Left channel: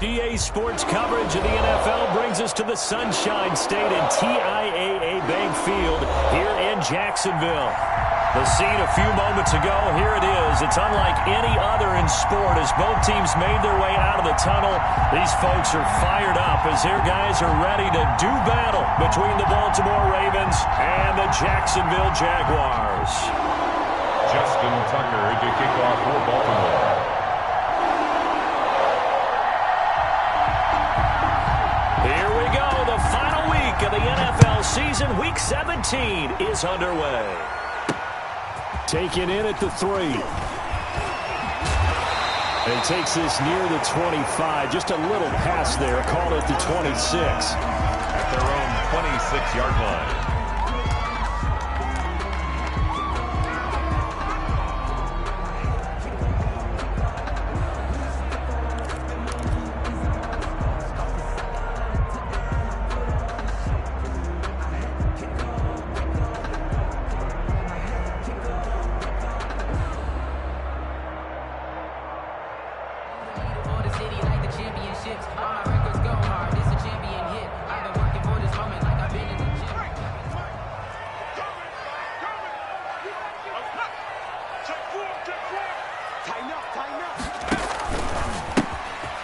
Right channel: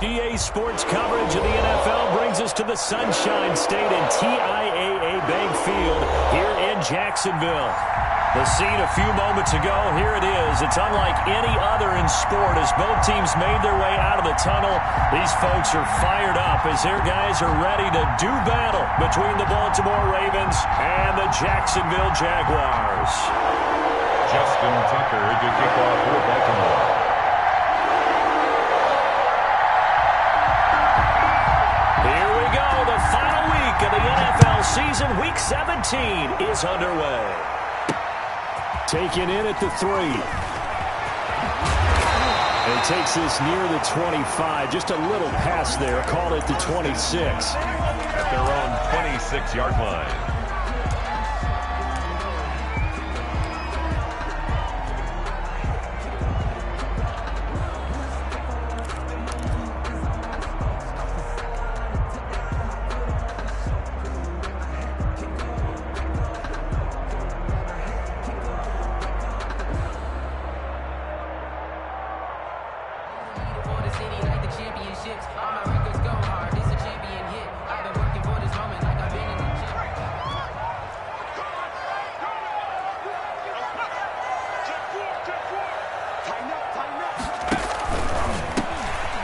EA Sports coverage of the NFL brings us to the Sunshine State and TIAA Bank Field here in Jacksonville. The scene a few moments ago, here it is. It's unlike any other in sport as both teams made their way out of the tunnel. These folks are fired up as their guys are ready to do battle between the Baltimore Ravens and the Jacksonville Jaguars. Justin Tucker to kick off for Baltimore. Here we go. The final week of the NFL season. Week 17 is underway. Taken in at the 3. And he takes this near the 25. Just a little pass there. Called it the 26. At their own 26-yard line.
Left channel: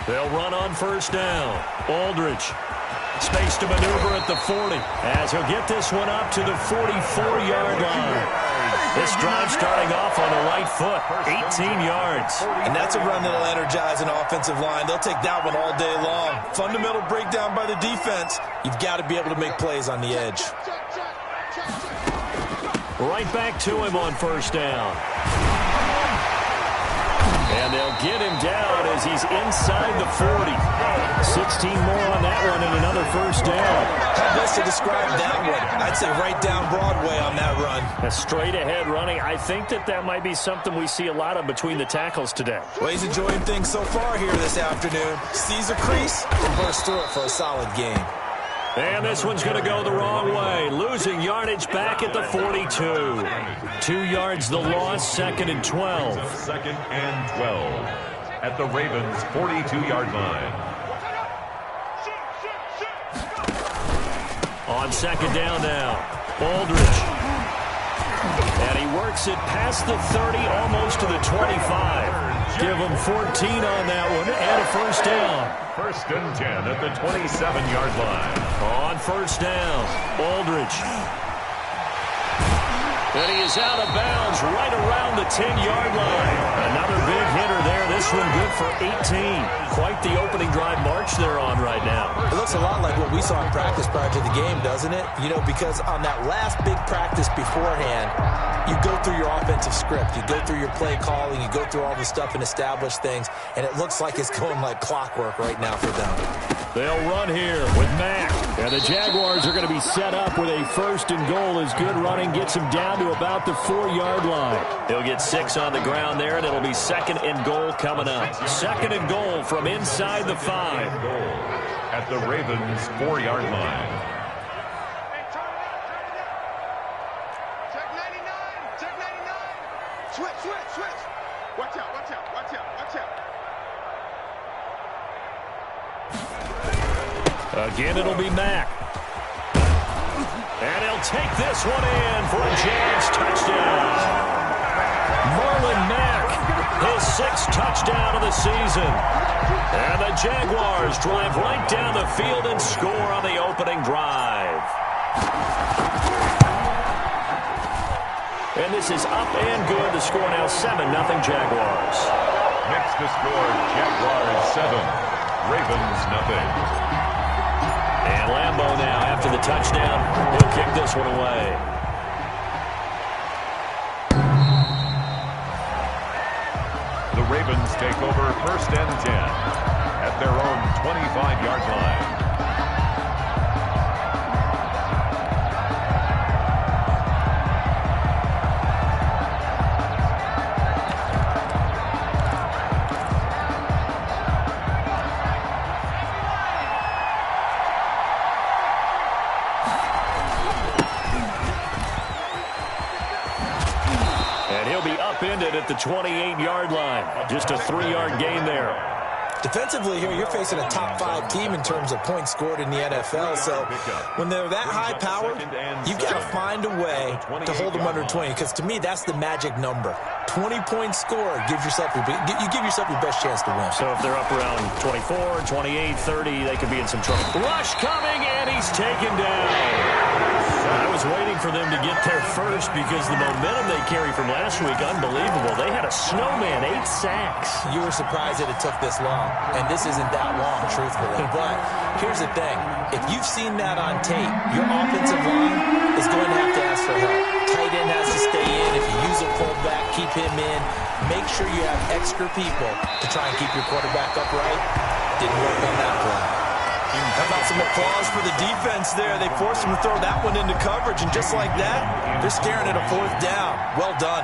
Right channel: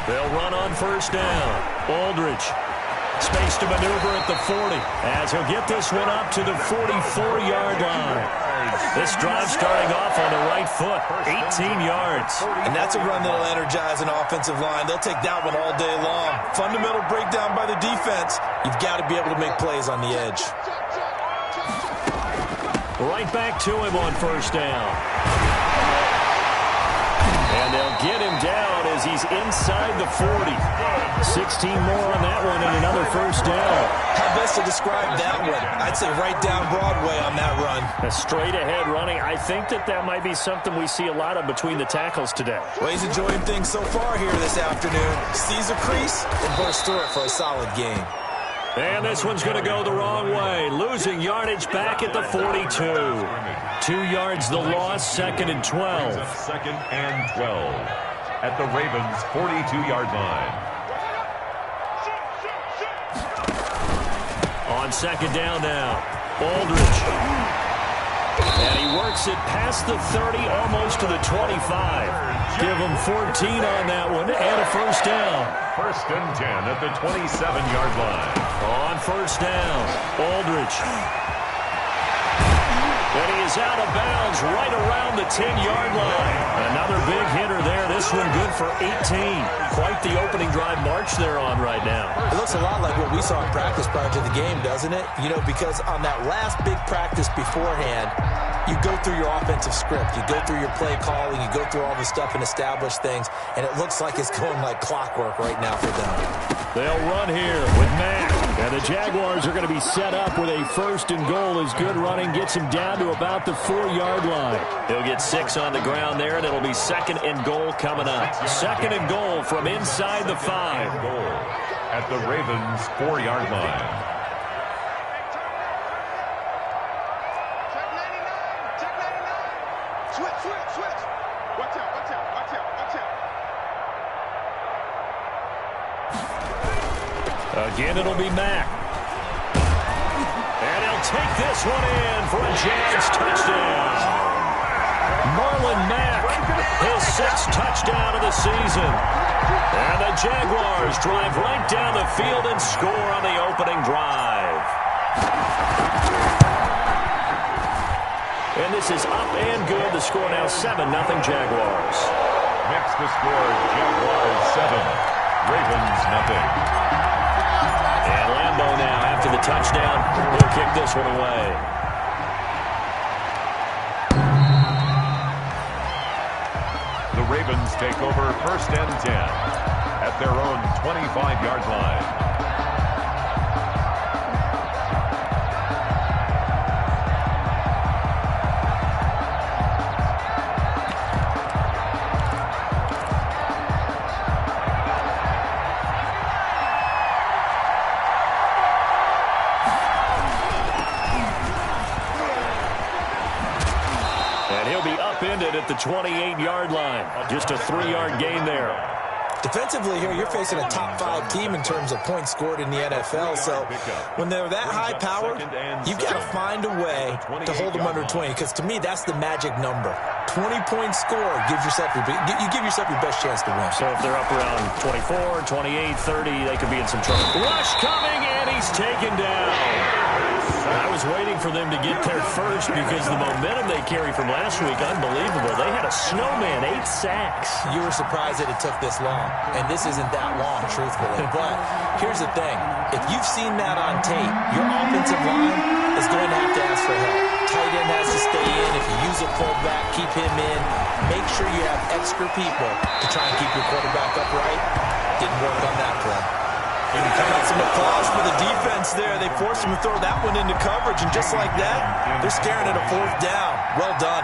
They'll run on first down. Aldridge. Space to maneuver at the 40 as he'll get this one up to the 44-yard line. This drive starting off on the right foot. 18 yards. And that's a run that'll energize an offensive line. They'll take that one all day long. Fundamental breakdown by the defense. You've got to be able to make plays on the edge. Right back to him on first down. And they'll get him down as he's inside the 40. 16 more on that one and another first down. How best to describe that one? I'd say right down Broadway on that run. A straight ahead running. I think that might be something we see a lot of between the tackles today. Well, he's enjoying things so far here this afternoon. Sees a crease and bursts through it for a solid game. And this one's going to go the wrong way. Losing yardage back at the 42. 2 yards the loss, second and 12. Second and 12 at the Ravens' 42-yard line. On second down now, Aldridge. And he works it past the 30, almost to the 25. Give him 14 on that one and a first down. First and 10 at the 27-yard line. On first down, Aldridge. And he is out of bounds right around the 10-yard line. Another big hitter there. This one good for 18. Quite the opening drive march they're on right now. It looks a lot like what we saw in practice prior to the game, doesn't it? You know, because on that last big practice beforehand, you go through your offensive script. You go through your play calling. You go through all the stuff and establish things. And it looks like it's going like clockwork right now for them. They'll run here with Mack. And the Jaguars are going to be set up with a first and goal as good running gets him down to about the 4-yard line. He'll get 6 on the ground there, and it'll be second and goal coming up. Second and goal from inside the 5. Goal at the Ravens' 4-yard line. Check 99. Check 99. Switch. Watch out. Again, it'll be Mack. And he'll take this one in for a Jags touchdown. Marlon Mack, his 6th touchdown of the season. And the Jaguars drive right down the field and score on the opening drive. And this is up and good. The score now 7-0 Jaguars. Next to score, Jaguars 7, Ravens nothing. And Lambeau now, after the touchdown, he'll kick this one away. The Ravens take over first and 10 at their own 25-yard line. And he'll be upended at the 28-yard line. Just a 3-yard gain there. Defensively here, you're facing a top 5 team in terms of points scored in the NFL. So when they're that high powered, you've got to find a way to hold them under 20. Because to me, that's the magic number. 20 points scored, you give yourself your best chance to win. So if they're up around 24, 28, 30, they could be in some trouble. Rush coming, and he's taken down. I was waiting for them to get there first because the momentum they carry from last week, unbelievable. They had a snowman, 8 sacks. You were surprised that it took this long, and this isn't that long, truthfully. But here's the thing. If you've seen that on tape, your offensive line is going to have to ask for help. Tight end has to stay in. If you use a fullback, keep him in. Make sure you have extra people to try and keep your quarterback upright. Didn't work on that play. How about some applause for the defense there? They forced him to throw that one into coverage, and just like that, they're staring at a 4th down. Well done.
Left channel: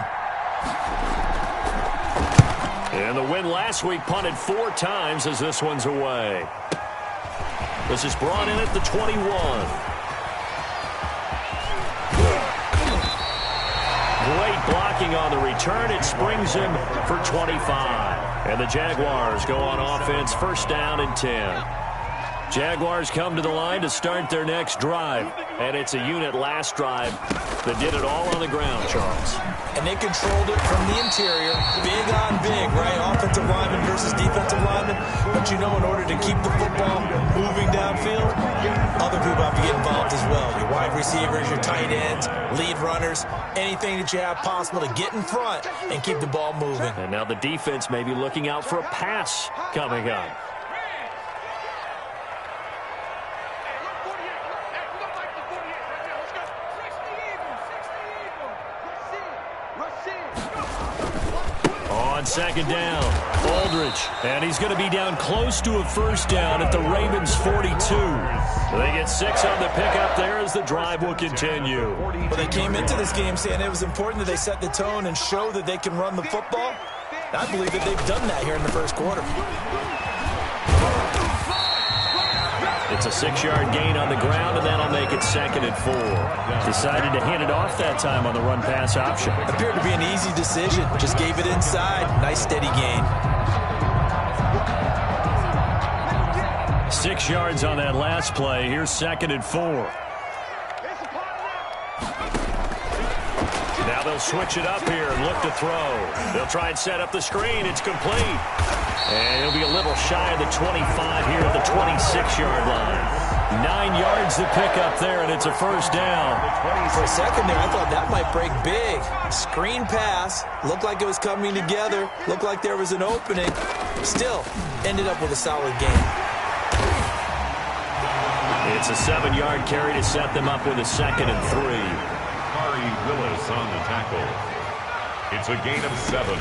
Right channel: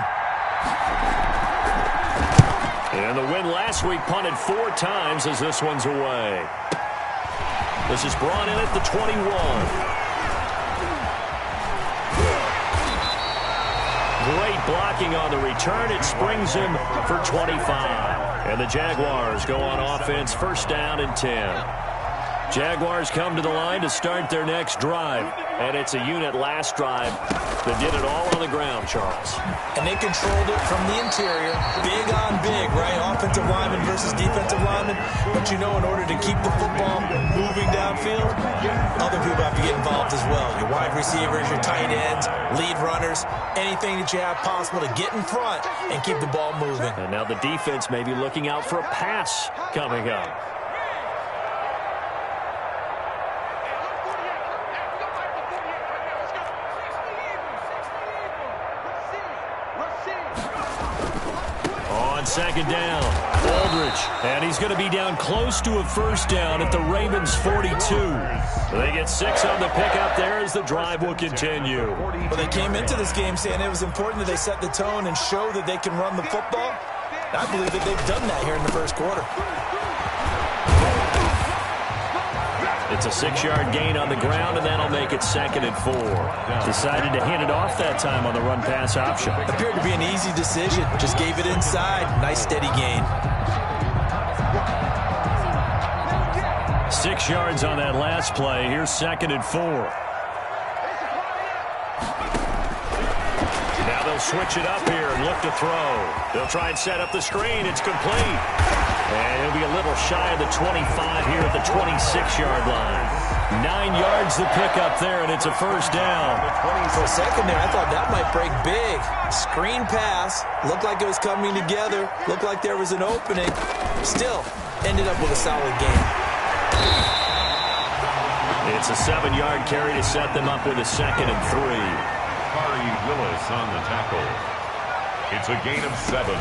And the win last week punted 4 times as this one's away. This is brought in at the 21. Great blocking on the return. It springs him for 25. And the Jaguars go on offense, 1st down and 10. Jaguars come to the line to start their next drive. And it's a unit last drive that did it all on the ground, Charles. And they controlled it from the interior. Big on big, right? Offensive lineman versus defensive lineman. But you know, in order to keep the football moving downfield, other people have to get involved as well. Your wide receivers, your tight ends, lead runners, anything that you have possible to get in front and keep the ball moving. And now the defense may be looking out for a pass coming up. On 2nd down, Aldridge, and he's going to be down close to a 1st down at the Ravens 42. They get 6 on the pickup there as the drive will continue. Well, they came into this game saying it was important that they set the tone and show that they can run the football. I believe that they've done that here in the 1st quarter. It's a 6-yard gain on the ground, and that'll make it 2nd and 4. Decided to hand it off that time on the run-pass option. Appeared to be an easy decision. Just gave it inside. Nice, steady gain. 6 yards on that last play. Here's 2nd and 4. Now they'll switch it up here and look to throw. They'll try and set up the screen. It's complete. And he'll be a little shy of the 25 here at the 26-yard line. 9 yards to pick up there, and it's a 1st down. For a second there, I thought that might break big. Screen pass. Looked like it was coming together. Looked like there was an opening. Still, ended up with a solid game. It's a 7-yard carry to set them up with a 2nd and 3. Kari Willis on the tackle. It's a gain of 7.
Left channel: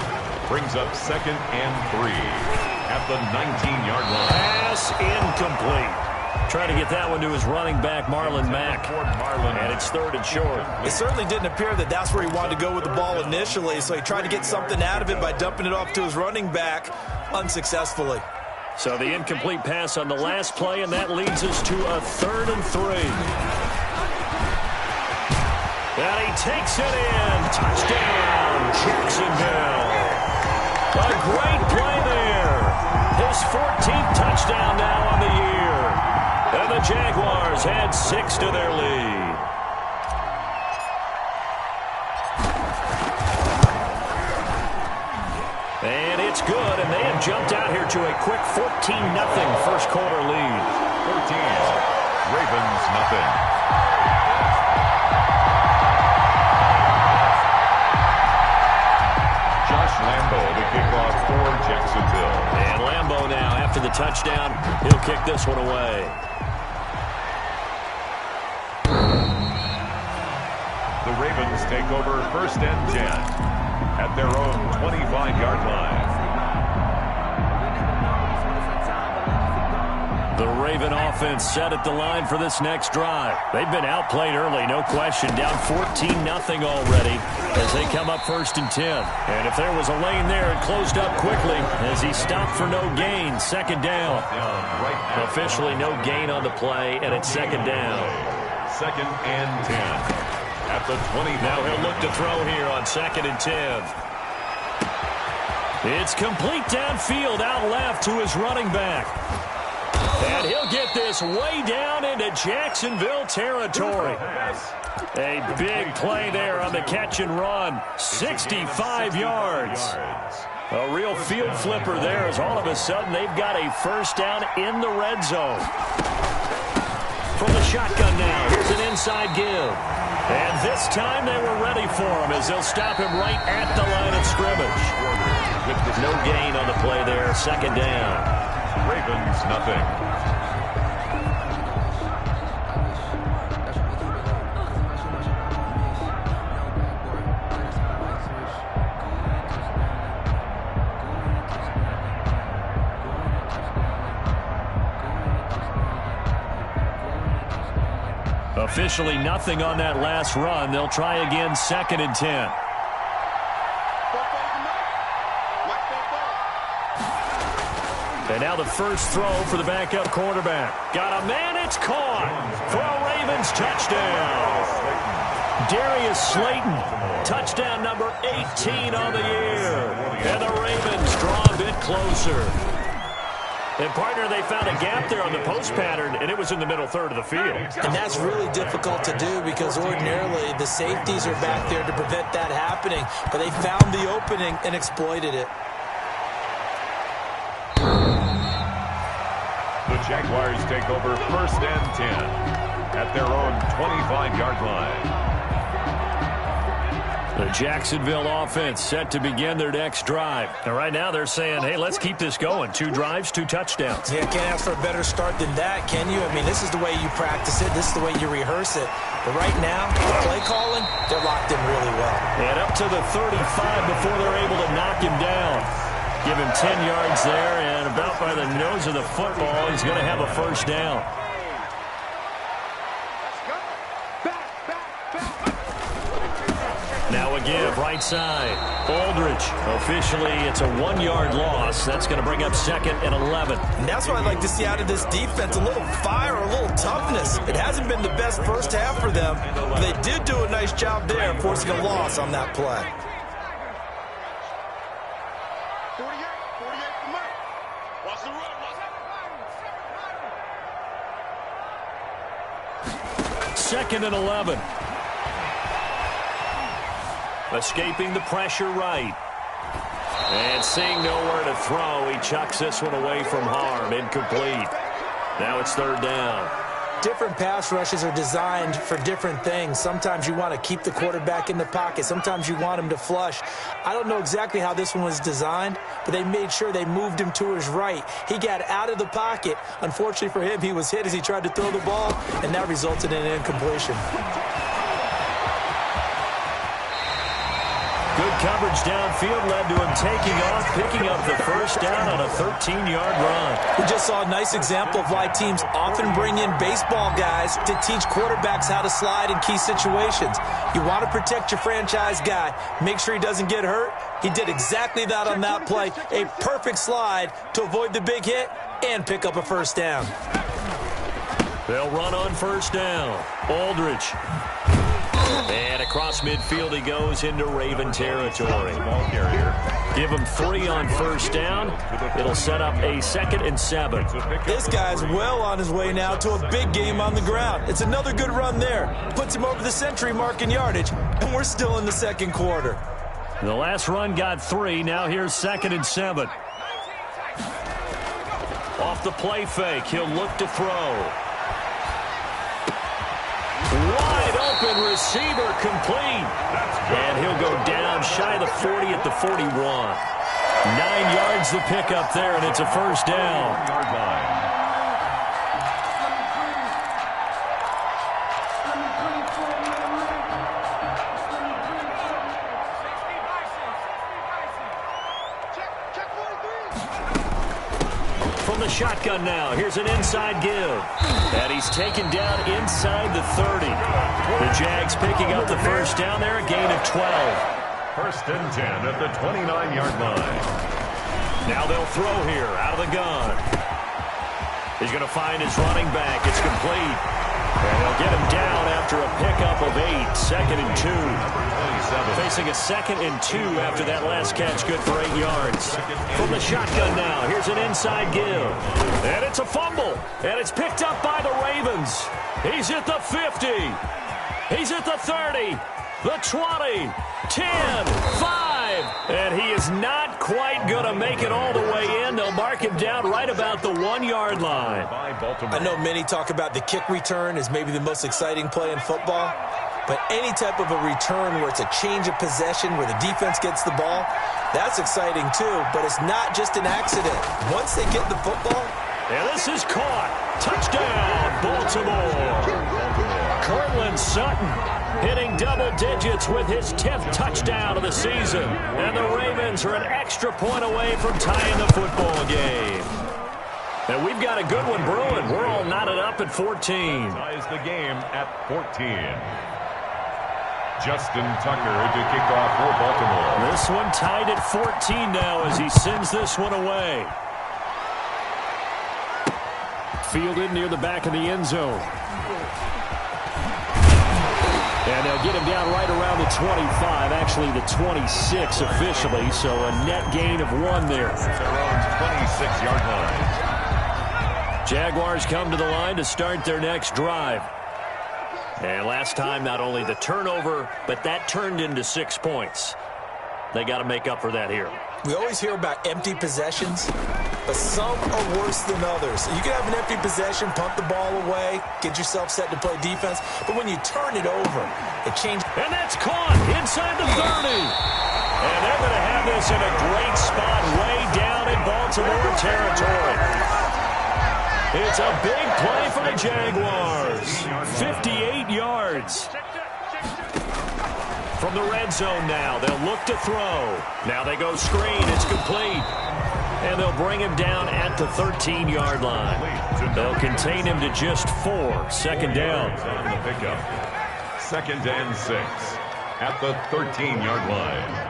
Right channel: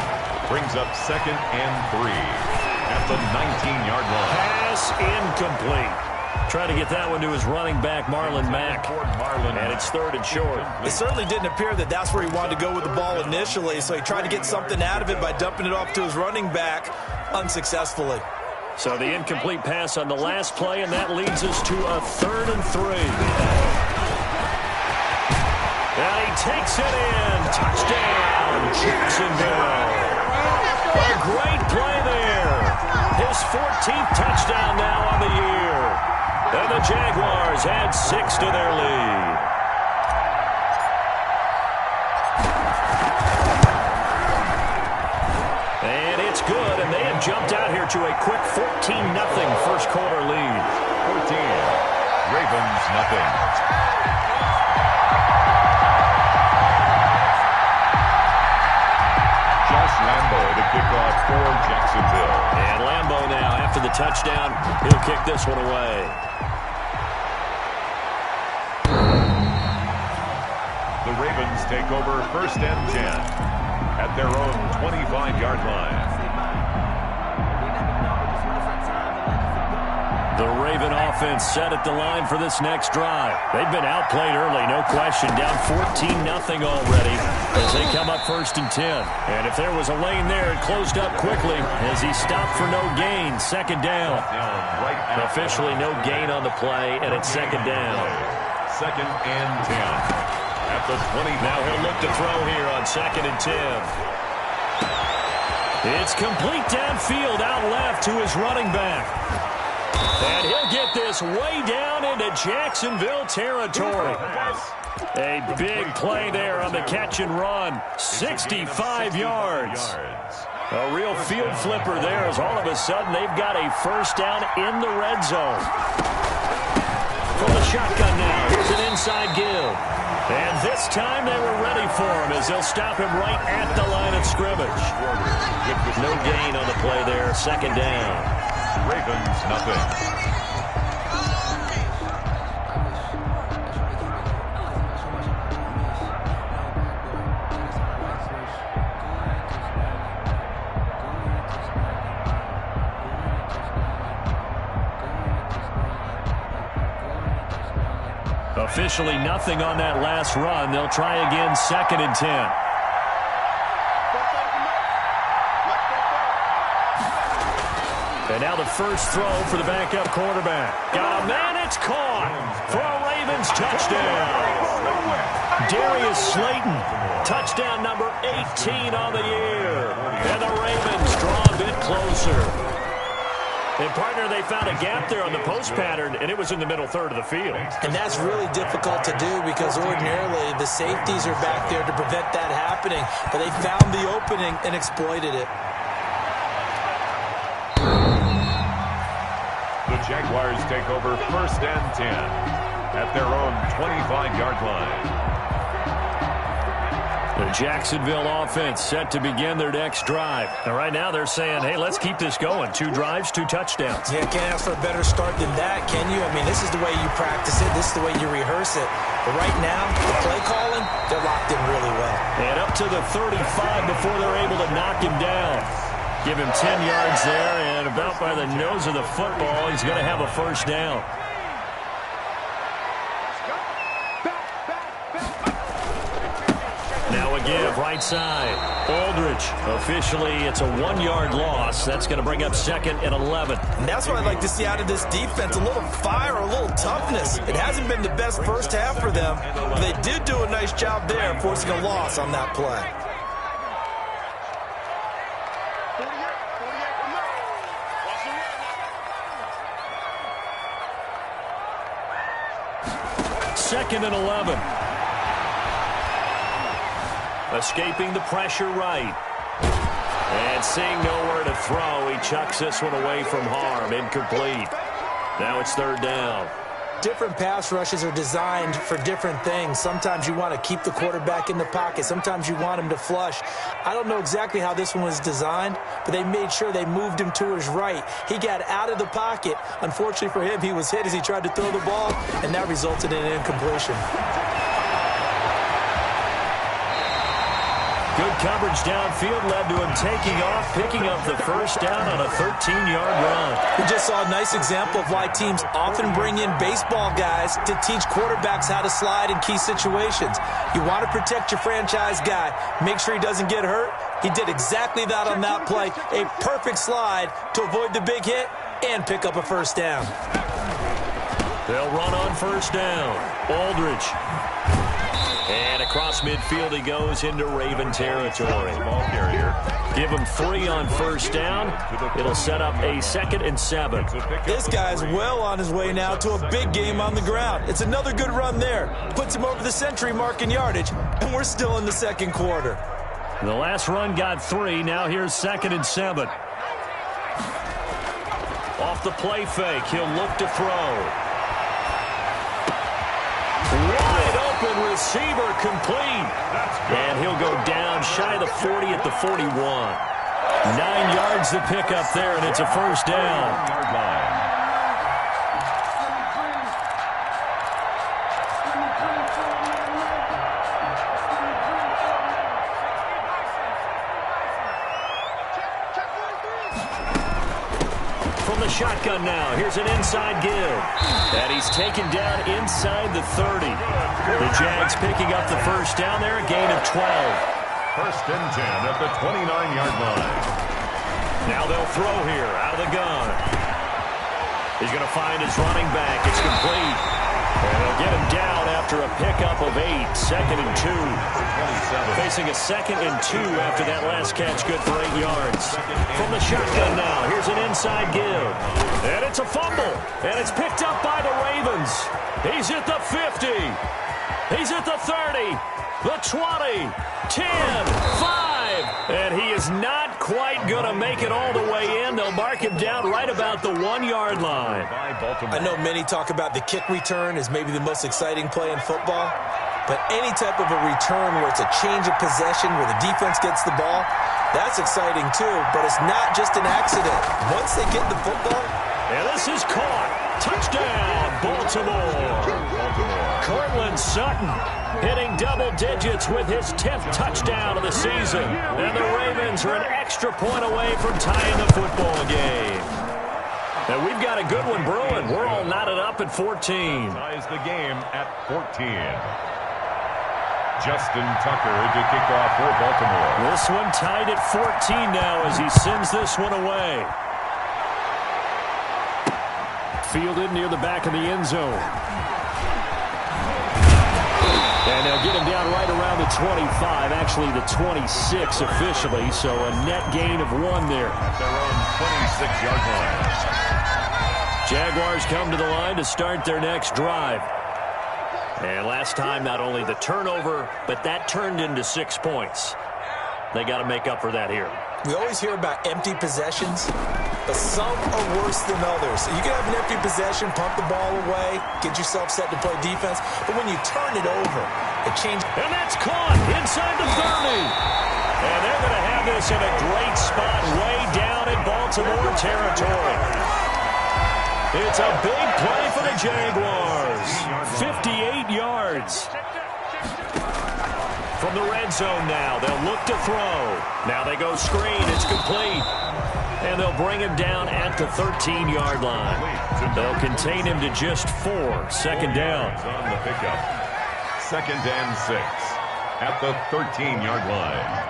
Brings up 2nd and 3 at the 19-yard line. Pass incomplete. Trying to get that one to his running back, Marlon Mack. And it's 3rd and short. It certainly didn't appear that that's where he wanted to go with the ball initially, so he tried to get something out of it by dumping it off to his running back unsuccessfully. So the incomplete pass on the last play, and that leads us to a 3rd and 3. And he takes it in. Touchdown, Jacksonville. A great play there. His 14th touchdown now on the year. And the Jaguars add 6 to their lead. And it's good, and they have jumped out here to a quick 14-0 1st quarter lead. 14, Ravens nothing. Josh Lambo to kick off for Jacksonville. And Lambo now, after the touchdown, he'll kick this one away. The Ravens take over 1st and 10 at their own 25-yard line. The Raven offense set at the line for this next drive. They've been outplayed early, no question. Down 14-0 already as they come up 1st and 10. And if there was a lane there, it closed up quickly as he stopped for no gain. 2nd down. Officially no gain on the play, and it's 2nd down. 2nd and 10 at the 20. Now he'll look to throw here on 2nd and 10. It's complete downfield, out left to his running back. And he'll get this way down into Jacksonville territory. A big play there on the catch and run. 65 yards. A real field flipper there as all of a sudden they've got a first down in the red zone. From the shotgun now, here's an inside give. And this time they were ready for him as they'll stop him right at the line of scrimmage. No gain on the play there, second down. Ravens, nothing. Officially nothing on that last run. They'll try again, 2nd and 10. And now the first throw for the backup quarterback. Got a man, it's caught for a Ravens touchdown. Darius Slayton, touchdown number 18 on the year. And the Ravens draw a bit closer. And, partner, they found a gap there on the post pattern, and it was in the middle third of the field. And that's really difficult to do because ordinarily the safeties are back there to prevent that happening. But they found the opening and exploited it. The Jaguars take over 1st and 10 at their own 25-yard line. The Jacksonville offense set to begin their next drive. And right now they're saying, hey, let's keep this going. 2 drives, 2 touchdowns. Yeah, can't ask for a better start than that, can you? I mean, this is the way you practice it. This is the way you rehearse it. But right now, the play calling, they're locked in really well. And up to the 35 before they're able to knock him down. Give him 10 yards there, and about by the nose of the football, he's going to have a first down. Now again, right side. Aldridge. Officially, it's a 1-yard loss. That's going to bring up 2nd and 11. And that's what I'd like to see out of this defense. A little fire, a little toughness. It hasn't been the best first half for them, but they did do a nice job there, forcing a loss on that play. 48 for Murray. Watch the run. 2nd and 11. Escaping the pressure right. And seeing nowhere to throw, he chucks this one away from harm. Incomplete. Now it's 3rd down. Different pass rushes are designed for different things. Sometimes you want to keep the quarterback in the pocket. Sometimes you want him to flush. I don't know exactly how this one was designed, but they made sure they moved him to his right. He got out of the pocket. Unfortunately for him, he was hit as he tried to throw the ball, and that resulted in an incompletion. Good coverage downfield led to him taking off, picking up the first down on a 13-yard run. We just saw a nice example of why teams often bring in baseball guys to teach quarterbacks how to slide in key situations. You want to protect your franchise guy. Make sure he doesn't get hurt. He did exactly that on that play. A perfect slide to avoid the big hit and pick up a first down. They'll run on first down. Aldridge. And across midfield he goes into Raven territory. Ball carrier. Give him 3 on first down. It'll set up a 2nd and 7. This guy's well on his way now to a big game on the ground. It's another good run there. Puts him over the century mark in yardage, and we're still in the 2nd quarter. The last run got 3. Now here's 2nd and 7. Off the play fake, he'll look to throw. Wide open receiver complete. And he'll go down shy of the 40 at the 41. 9 yards to pick up there, and it's a first down. 1-yard line. From the shotgun now, here's an inside give. And he's taken down inside the 30. The Jags picking up the first down there, a gain of 12. 1st and 10 at the 29-yard line. Now they'll throw here, out of the gun. He's going to find his running back. It's complete. And they'll get him down after a pickup of 8. 2nd and 2. Facing a 2nd and 2 after that last catch, good for 8 yards. From the shotgun now, here's an inside give. And it's a fumble. And it's picked up by the Ravens. He's at the 50. He's at the 30. The 20. 10. 5. And he is not quite going to make it all the way in. They'll mark him down right about the 1-yard line. I know many talk about the kick return as maybe the most exciting play in football. But any type of a return where it's a change of possession, where the defense gets the ball, that's exciting too. But it's not just an accident. Once they get the football. And this is caught. Touchdown, Baltimore. Cortland Sutton hitting double digits with his 10th touchdown of the season. And the Ravens are an extra point away from tying the football game. And we've got a good one brewing. We're all knotted up at 14. Ties the game at 14. Justin Tucker to kick off for Baltimore. This one tied at 14 now as he sends this one away. Fielded near the back of the end zone. And they'll get him down right around the 25, actually the 26 officially, so a net gain of 1 there. At their own 26-yard line. Jaguars come to the line to start their next drive. And last time, not only the turnover, but that turned into 6 points. They got to make up for that here. We always hear about empty possessions, but some are worse than others. You can have an empty possession, punt the ball away, get yourself set to play defense, but when you turn it over, it changes. And that's caught inside the 30. And they're going to have this in a great spot way down in Baltimore territory. It's a big play for the Jaguars. 58 yards. From the red zone now, they'll look to throw. Now they go screen. It's complete. And they'll bring him down at the 13-yard line. They'll contain him to just 4. 2nd down. On the pickup. 2nd and 6 at the 13-yard line.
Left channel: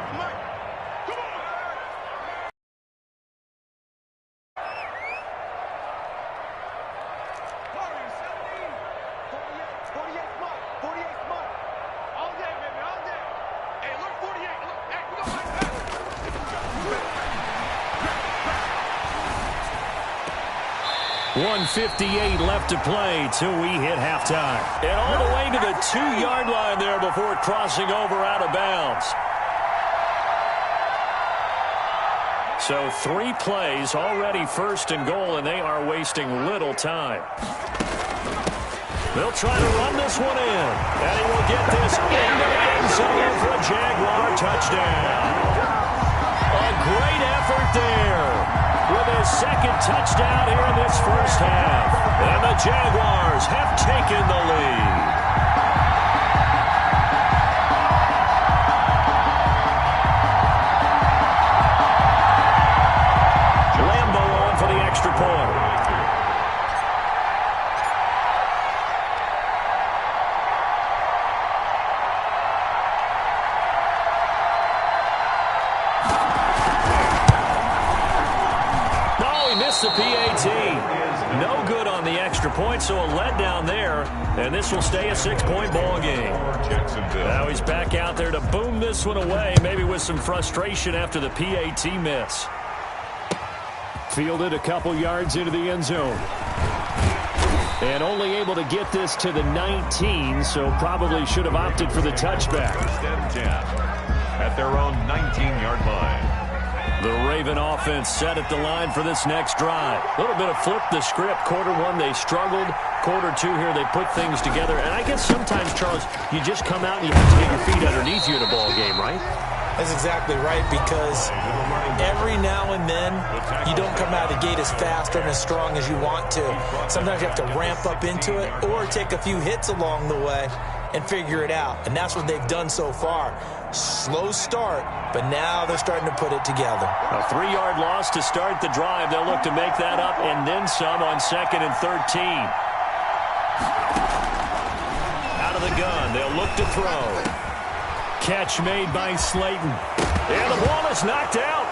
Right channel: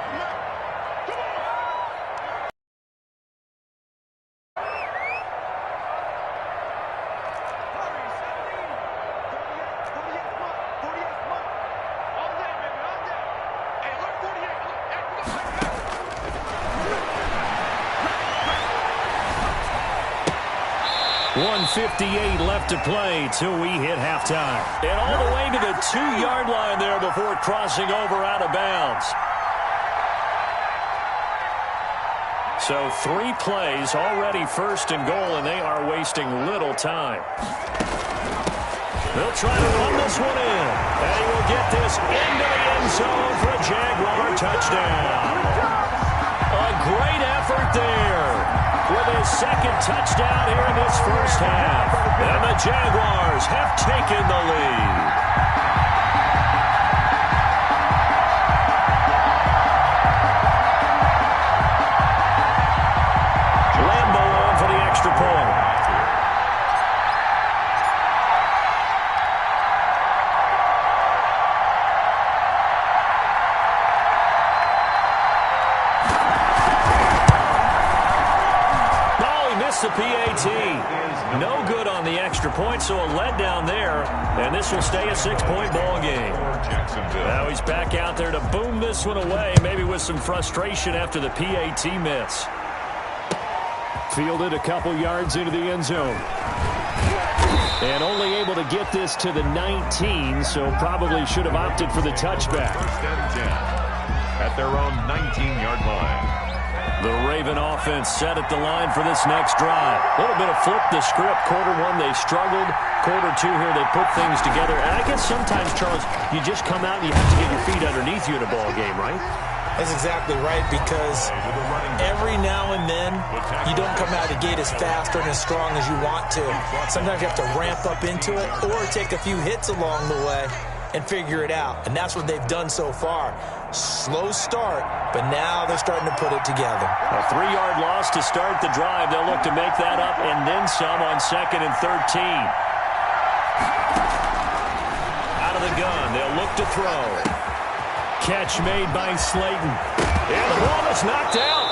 .158 left to play till we hit halftime. And all the way to the 2-yard line there before crossing over out of bounds. So 3 plays already 1st and goal, and they are wasting little time. They'll try to run this one in. And he will get this into the end zone for a Jaguar touchdown. A great effort there. With his 2nd touchdown here in this first half. And the Jaguars have taken the lead. Lambo on for the extra point. The PAT. No good on the extra point, so a letdown there. And this will stay a 6-point ball game. Now he's back out there to boom this one away, maybe with some frustration after the PAT miss. Fielded a couple yards into the end zone. And only able to get this to the 19, so probably should have opted for the touchback. 1st and 10 at their own 19-yard line. The Raven offense set at the line for this next drive. A little bit of flip the script. Quarter 1, they struggled. Quarter 2 here, they put things together. And I guess sometimes, Charles, you just come out and you have to get your feet underneath you in a ball game, right? That's exactly right, because every now and then you don't come out of the gate as fast or as strong as you want to. Sometimes you have to ramp up into it or take a few hits along the way and figure it out. And that's what they've done so far. Slow start, but now they're starting to put it together. A 3-yard loss to start the drive. They'll look to make that up and then some on 2nd and 13. Out of the gun, they'll look to throw. Catch made by Slayton. And the ball is knocked out.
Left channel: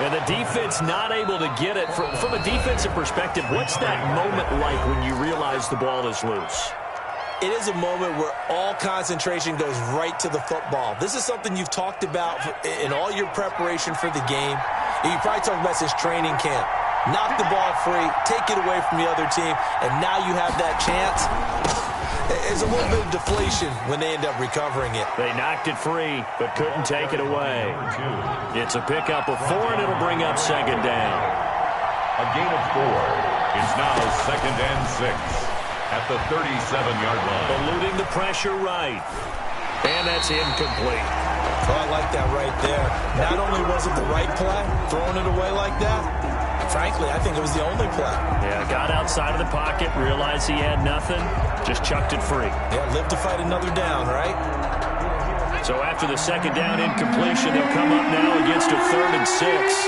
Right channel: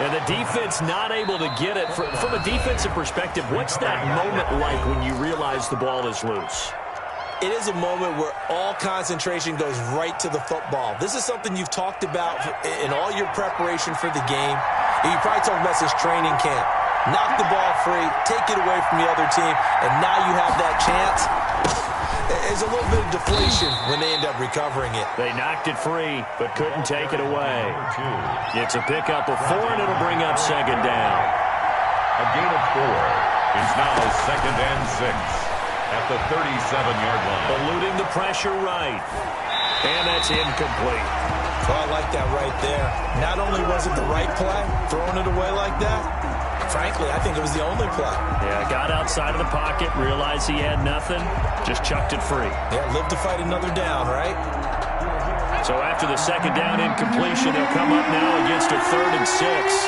And the defense not able to get it. From a defensive perspective, what's that moment like when you realize the ball is loose? It is a moment where all concentration goes right to the football. This is something you've talked about in all your preparation for the game. You probably talked about since training camp. Knock the ball free, take it away from the other team, and now you have that chance. There's a little bit of deflation when they end up recovering it. They knocked it free, but couldn't take it away. It's a pickup of 4, and it'll bring up second down. A gain of 4. It's now 2nd and 6 at the 37-yard line. Eluding the pressure right. And that's incomplete. Oh, I like that right there. Not only was it the right play, throwing it away like that, frankly, I think it was the only play. Yeah, got outside of the pocket, realized he had nothing, just chucked it free. Yeah, live to fight another down, right? So after the second down incompletion, they'll come up now against a 3rd and 6.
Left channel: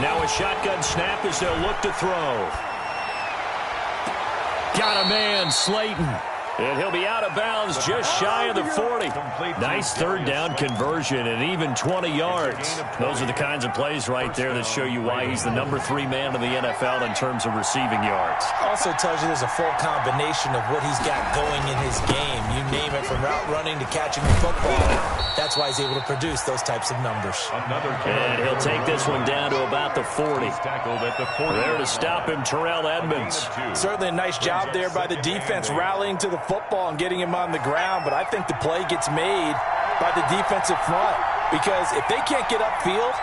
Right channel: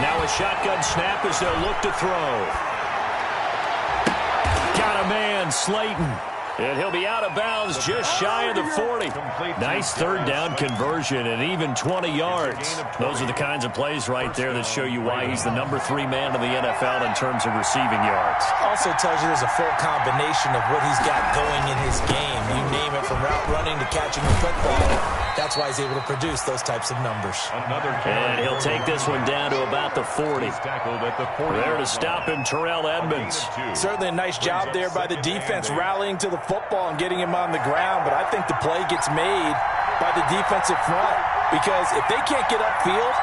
Now a shotgun snap as they'll look to throw. Got a man, Slayton. And he'll be out of bounds just shy of the 40. Nice 3rd down conversion and even 20 yards. Those are the kinds of plays right there that show you why he's the number 3 man in the NFL in terms of receiving yards. Also tells you there's a full combination of what he's got going in his game. You name it, from route running to catching the football. That's why he's able to produce those types of numbers. And he'll take this one down to about the 40. There to stop him, Terrell Edmonds. Certainly a nice job there by the defense, rallying to the football and getting him on the ground, but I think the play gets made by the defensive front, because if they can't get upfield,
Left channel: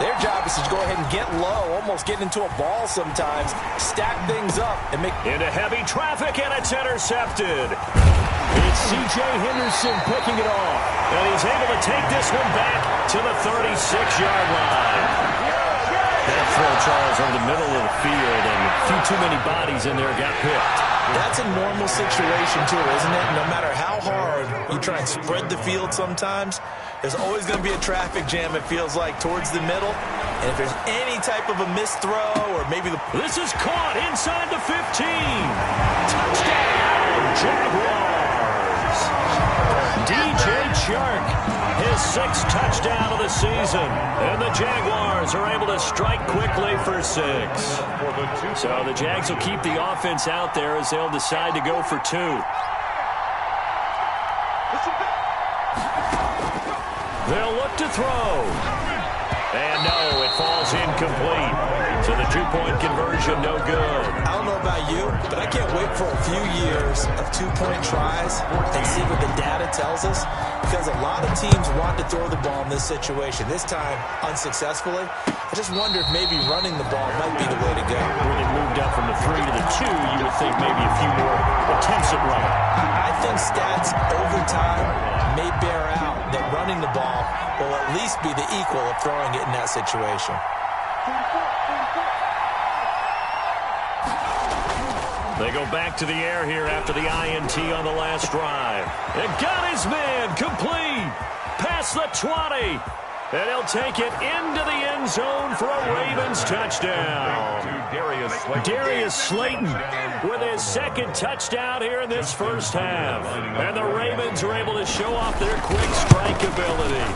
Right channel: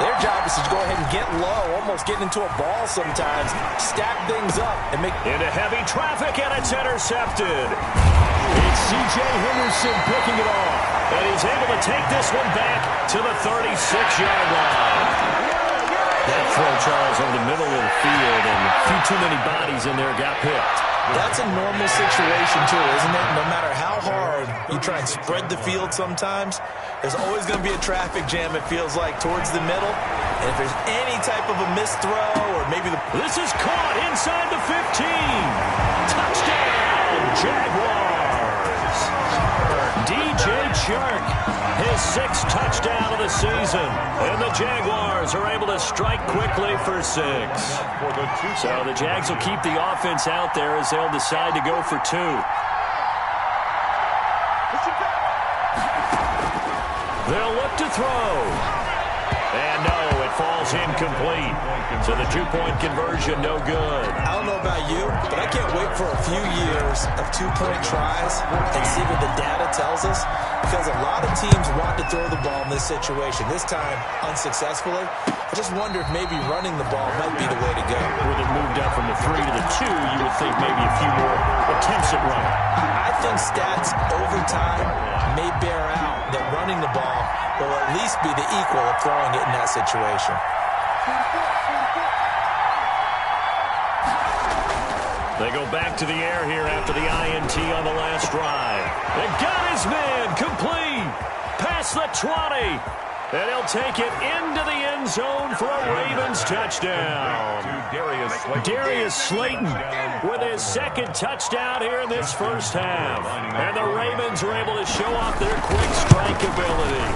their job is to go ahead and get low, almost get into a ball sometimes, stack things up, and make... Into heavy traffic, and it's intercepted. It's C.J. Henderson picking it off, and he's able to take this one back to the 36-yard line. That throw, Charles, over the middle of the field, and a few too many bodies in there got picked. That's a normal situation, too, isn't it? No matter how hard you try and spread the field sometimes, there's always going to be a traffic jam, it feels like, towards the middle. And if there's any type of a missed throw or maybe the... This is caught inside the 15. Touchdown, Jaguars. DJ Chark, his 6th touchdown of the season. And the Jaguars are able to strike quickly for 6. So the Jags will keep the offense out there as they'll decide to go for 2. They'll look to throw. And no, it falls incomplete. So the 2-point conversion, no good. I don't know about you, but I can't wait for a few years of 2-point tries and see what the data tells us, because a lot of teams want to throw the ball in this situation. This time, unsuccessfully. I just wonder if maybe running the ball might be the way to go. Where they moved up from the 3 to the 2, you would think maybe a few more attempts at running. I think stats over time may bear out that running the ball will at least be the equal of throwing it in that situation. They go back to the air here after the INT on the last drive. And got his man complete. Past the 20. And he'll take it into the end zone for a Ravens touchdown. Darius Slayton with his 2nd touchdown here in this first half. And the Ravens are able to show off their quick strike ability.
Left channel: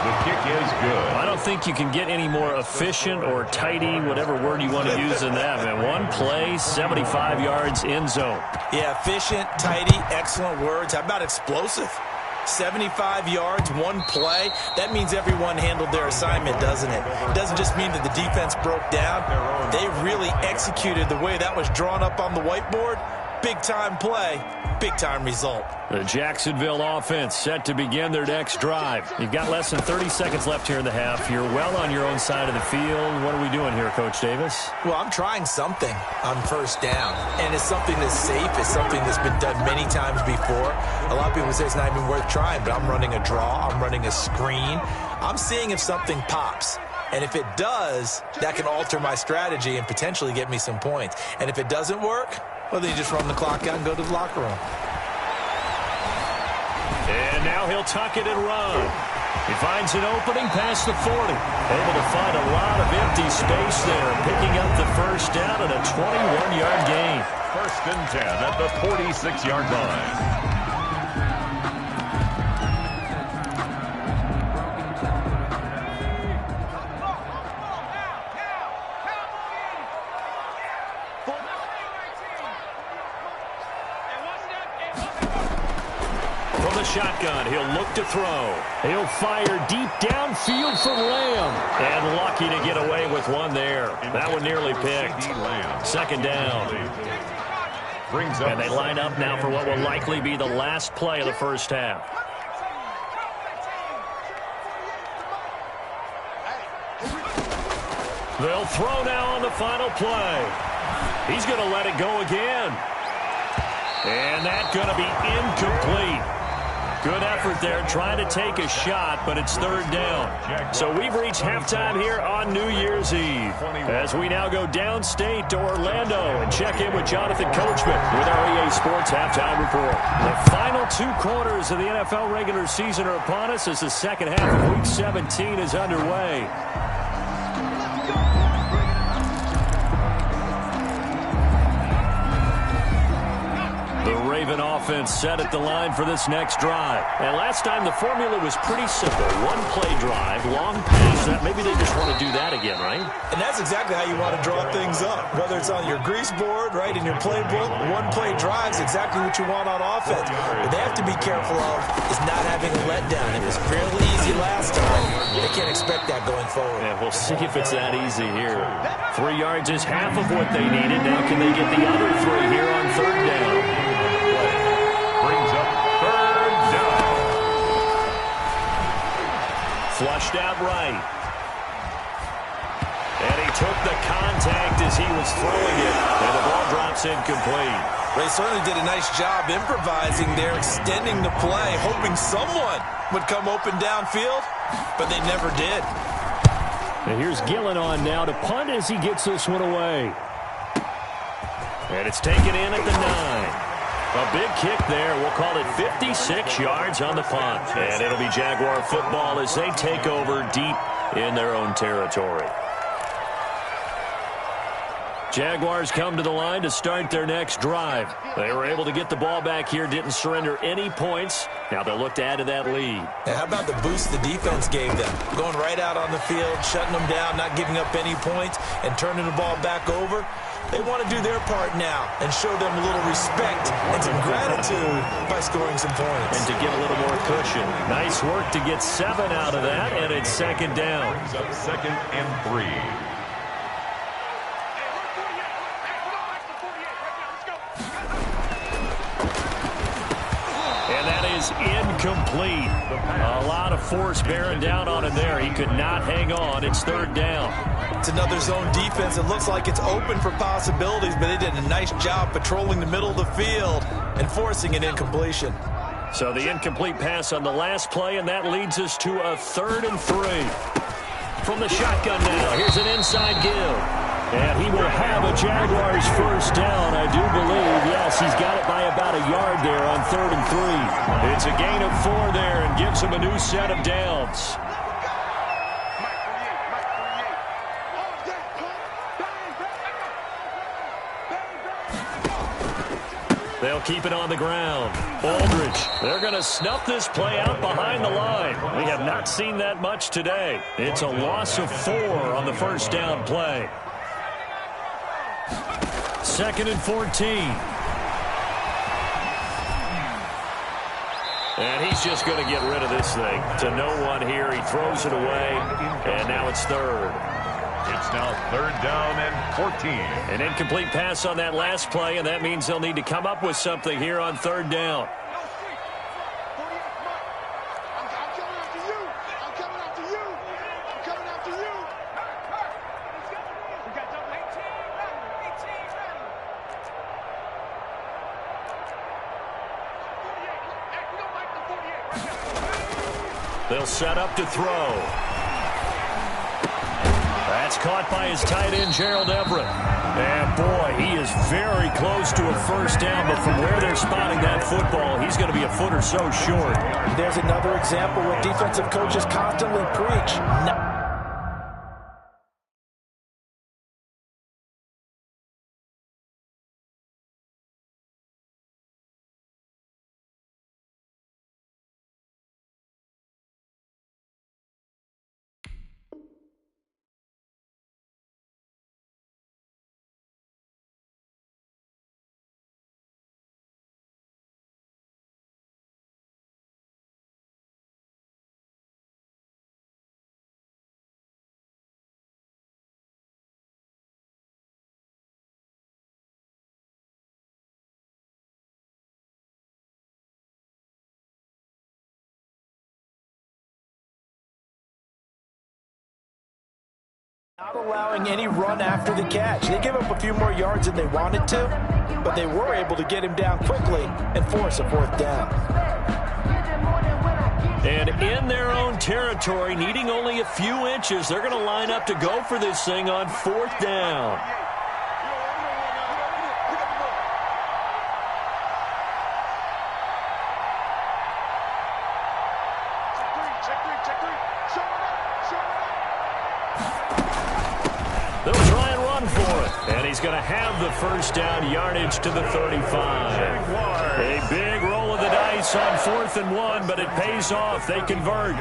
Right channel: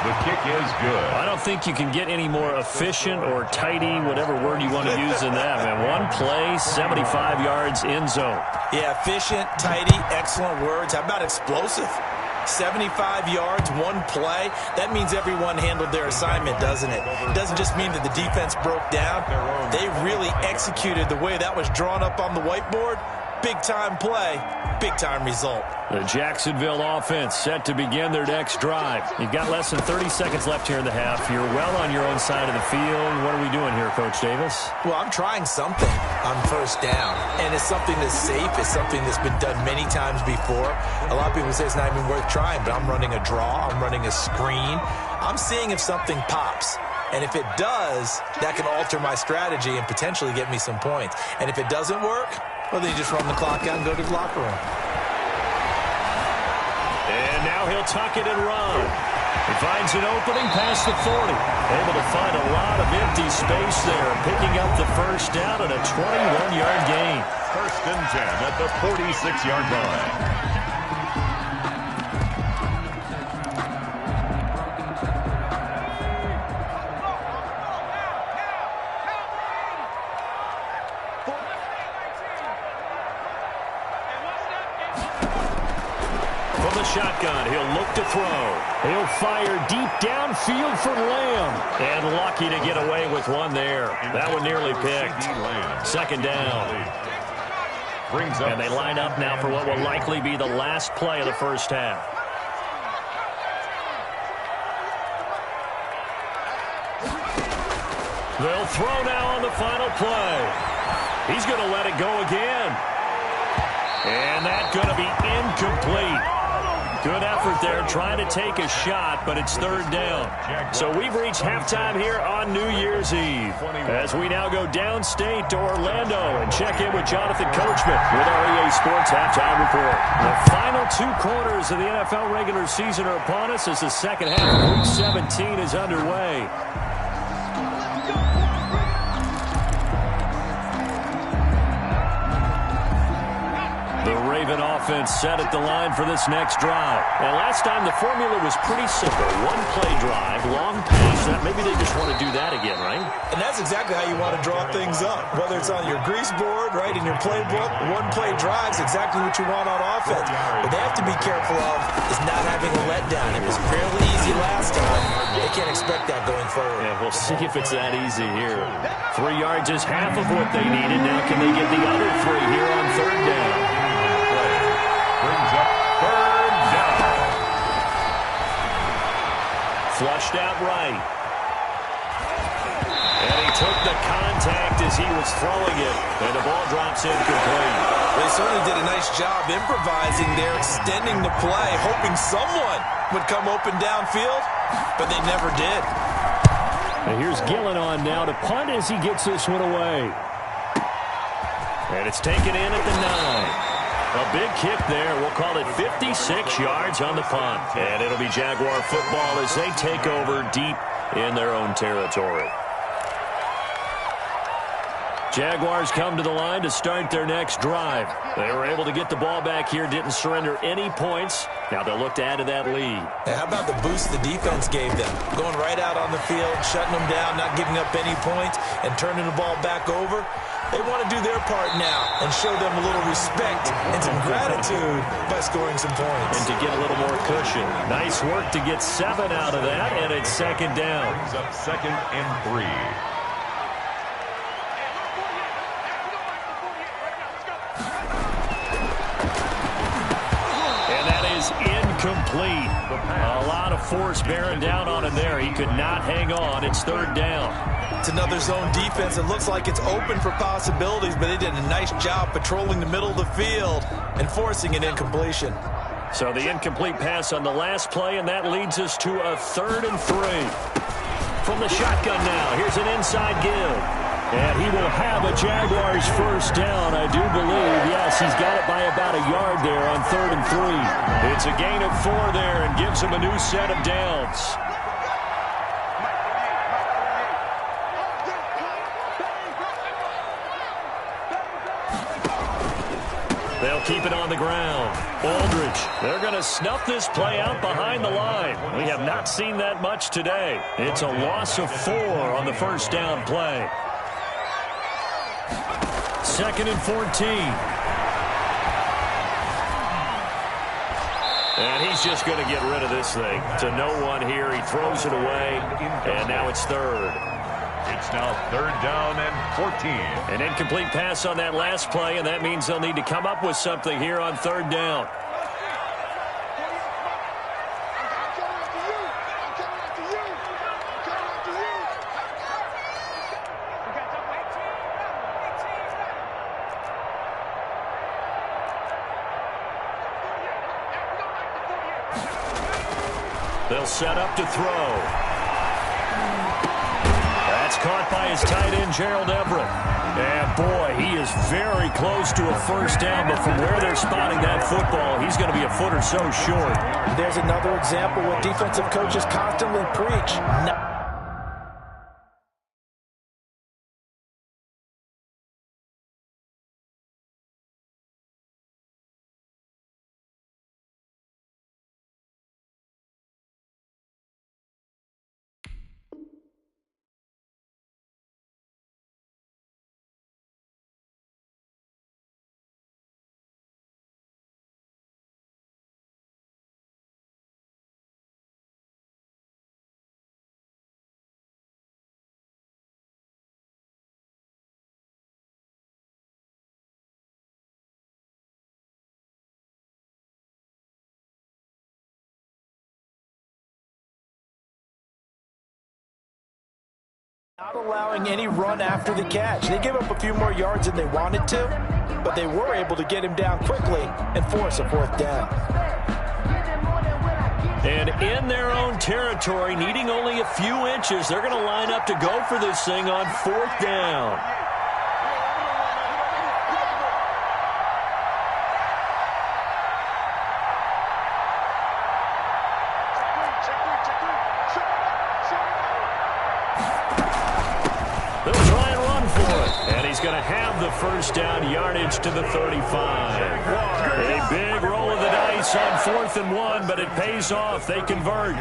The kick is good. I don't think you can get any more efficient or tidy, whatever word you want to use in that, man. One play, 75 yards, end zone. Yeah, efficient, tidy, excellent words. How about explosive? 75 yards, one play. That means everyone handled their assignment, doesn't it? It doesn't just mean that the defense broke down. They really executed the way that was drawn up on the whiteboard. Big-time play, big-time result. The Jacksonville offense set to begin their next drive. You've got less than 30 seconds left here in the half. You're well on your own side of the field. What are we doing here, Coach Davis? Well, I'm trying something on first down, and it's something that's safe. It's something that's been done many times before. A lot of people say it's not even worth trying, but I'm running a draw. I'm running a screen. I'm seeing if something pops. And if it does, that can alter my strategy and potentially get me some points. And if it doesn't work, well, then you just run the clock out and go to the locker room. And now he'll tuck it and run. He finds an opening past the 40. Able to find a lot of empty space there, picking up the first down at a 21-yard gain. 1st and 10 at the 46-yard line. the shotgun. He'll look to throw. He'll fire deep downfield for Lamb. And lucky to get away with one there. That one nearly picked. Second down. And they line up now for what will likely be the last play of the first half. They'll throw now on the final play. He's going to let it go again. And that's going to be incomplete. Good effort there trying to take a shot, but it's third down. So we've reached halftime here on New Year's Eve. As we now go downstate to Orlando and check in with Jonathan Coachman with our EA Sports Halftime Report. The final 2 quarters of the NFL regular season are upon us as the second half of Week 17 is underway. The Raven offense set at the line for this next drive. And last time the formula was pretty simple. One play drive, long pass. Maybe they just want to do that again, right? And that's exactly how you want to draw things up. Whether it's on your grease board, right, in your playbook, one play drive is exactly what you want on offense. What they have to be careful of is not having a letdown. It was fairly easy last time. They can't expect that going forward. Yeah, we'll see if it's that easy here. 3 yards is half of what they needed. Now can they get the other 3 here on third down? Brings up third down. Flushed out right. And he took the contact as he was throwing it. And the ball drops incomplete. They certainly did a nice job improvising there, extending the play, hoping someone would come open downfield, but they never did. And here's Gillen on now to punt as he gets this one away. And it's taken in at the 9. A big kick there. We'll call it 56 yards on the punt. And it'll be Jaguar football as they take over deep in their own territory. Jaguars come to the line to start their next drive. They were able to get the ball back here, didn't surrender any points. Now they'll look to add to that lead. And how about the boost the defense gave them? Going right out on the field, shutting them down, not giving up any points, and turning the ball back over. They want to do their part now and show them a little respect and some gratitude by scoring some points. And to get a little more cushion. Nice work to get 7 out of that, and it's second down. Brings up second and 3. And that is incomplete. A lot of force bearing down on him there. He could not hang on. It's third down. It's another zone defense. It looks like it's open for possibilities, but they did a nice job patrolling the middle of the field and forcing an incompletion. So the incomplete pass on the last play, and that leads us to a 3rd and 3. From the shotgun now, here's an inside give. And he will have a Jaguars first down, I do believe. Yes, he's got it by about a yard there on 3rd and 3. It's a gain of 4 there and gives him a new set of downs. They'll keep it on the ground. Aldridge, they're going to snuff this play out behind the line. We have not seen that much today. It's a loss of 4 on the first down play. 2nd and 14. And he's just going to get rid of this thing. To no one here. He throws it away. And now it's 3rd. It's now 3rd down and 14. An incomplete pass on that last play, and that means they'll need to come up with something here on 3rd down. They'll set up to throw. That's caught by his tight end, Gerald Everett. And, boy, he is very close to a first down, but from where they're spotting that football, he's going to be a foot or so short. There's another example what defensive coaches constantly preach. Not allowing any run after the catch. They gave up a few more yards than they wanted to, but they were able to get him down quickly and force a 4th down. And in their own territory, needing only a few inches, they're going to line up to go for this thing on 4th down. They'll try and run for it. And he's going to have the 1st down yardage to the 35. A big roll of the dice on 4th and 1, but it pays off. They convert.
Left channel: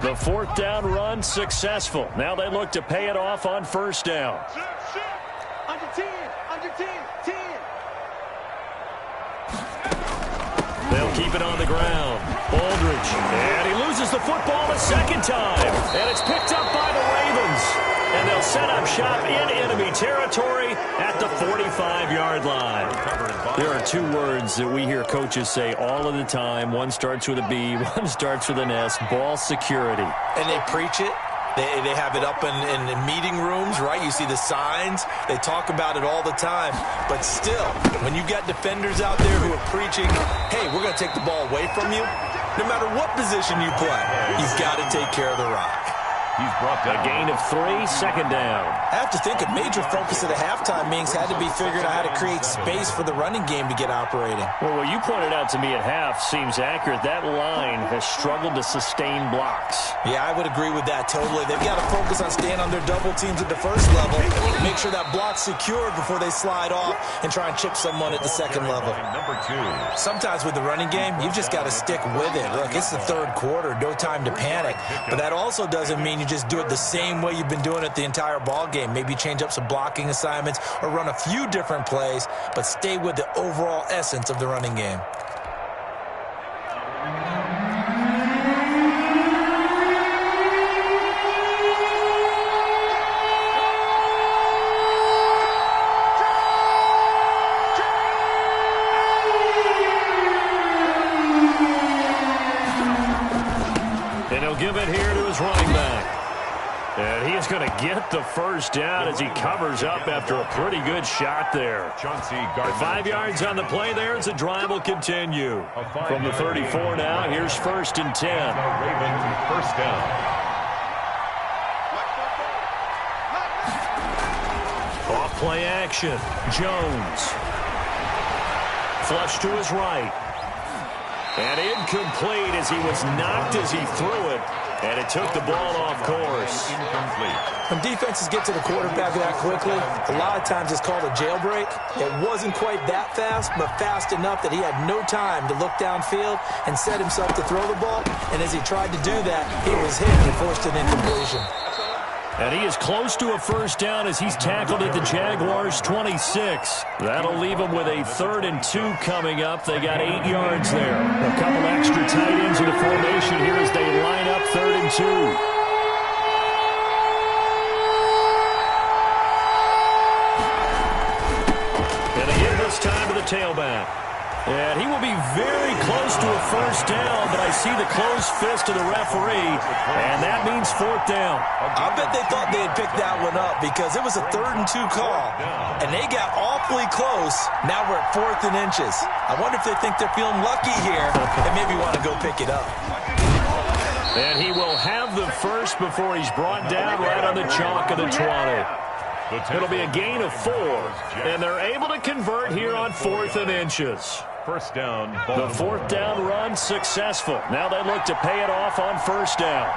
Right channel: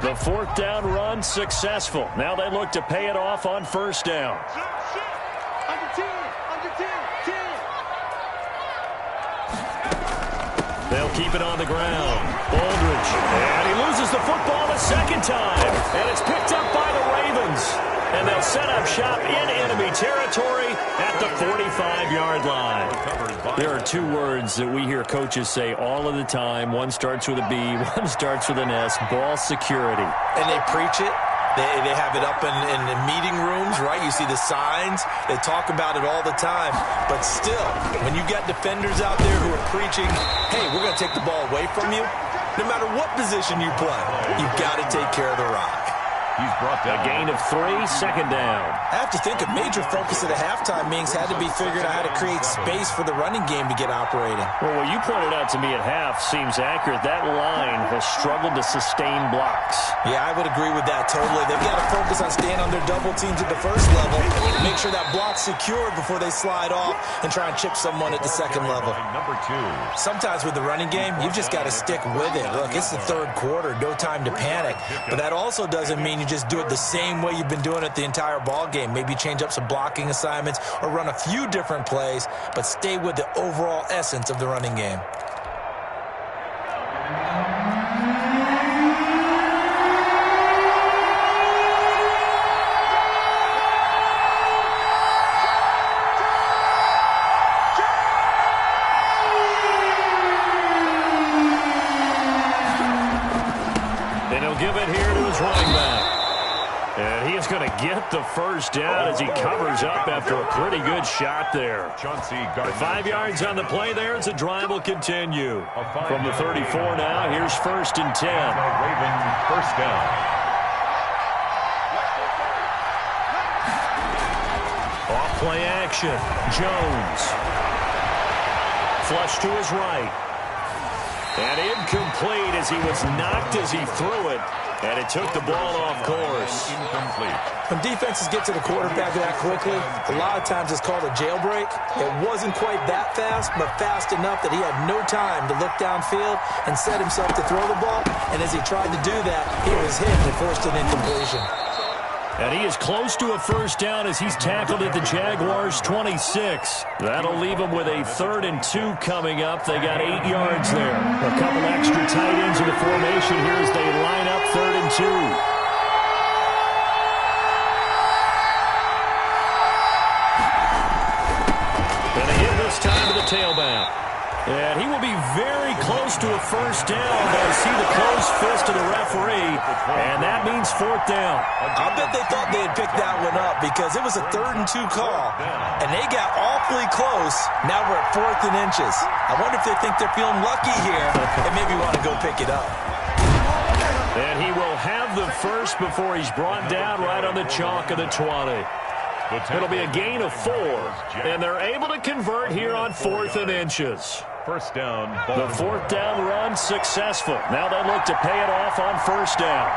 The 4th down run successful. Now they look to pay it off on 1st down. Under 10, under 10, 10. They'll keep it on the ground. Aldridge. And he loses the football the 2nd time. And it's picked up by the Ravens. And they'll set up shop in enemy territory at the 45-yard line. There are 2 words that we hear coaches say all of the time. One starts with a B, one starts with an S. Ball security. And they preach it. They have it up in meeting rooms, right? You see the signs. They talk about it all the time. But still, when you got defenders out there who are preaching, hey, we're going to take the ball away from you, no matter what position you play, you've got to take care of the rock. He's brought down. A gain of 3, 2nd down. I have to think a major focus of the halftime meetings had to be figuring out how to create space for the running game to get operating. Well, what you pointed out to me at half seems accurate. That line has struggled to sustain blocks. Yeah, I would agree with that totally. They've got to focus on staying on their double teams at the 1st level, make sure that block's secured before they slide off and try and chip someone at the 2nd level. Number 2. Sometimes with the running game, you've just got to stick with it. Look, it's the 3rd quarter, no time to panic. But that also doesn't mean you just do it the same way you've been doing it the entire ball game. Maybe change up some blocking assignments or run a few different plays, but stay with the overall essence of the running game. And he'll give it here to his running back. And he is going to get the 1st down as he covers up after a pretty good shot there. 5 yards on the play there as the drive will continue. From the 34 now, here's 1st and 10. The Ravens 1st down. Off play action. Jones. Flush to his right. And incomplete as he was knocked as he threw it. And it took the ball off course. Incomplete. When defenses get to the quarterback that quickly, a lot of times it's called a jailbreak. It wasn't quite that fast, but fast enough that he had no time to look downfield and set himself to throw the ball. And as he tried to do that, he was hit and forced an incompletion. And he is close to a 1st down as he's tackled at the Jaguars' 26. That'll leave him with a 3rd and 2 coming up. They got 8 yards there. A couple extra tight ends in the formation here as they line up 3rd and 2. And again this time to the tailback. And he will be very close to a 1st down, but I see the closed fist of the referee, and that means 4th down. I bet they thought they had picked that one up because it was a 3rd and 2 call, and they got awfully close. Now we're at 4th and inches. I wonder if they think they're feeling lucky here and maybe want to go pick it up. And he will have the 1st before he's brought down right on the chalk of the 20. It'll be a gain of 4, and they're able to convert here on 4th and inches. 1st down. The 4th down run successful. Now they look to pay it off on 1st down.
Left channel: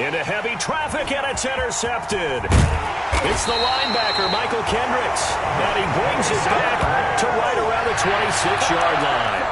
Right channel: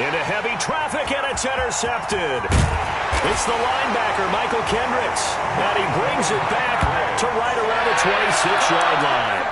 Into heavy traffic, and it's intercepted. It's the linebacker, Michael Kendricks, and he brings it back to right around the 26-yard line.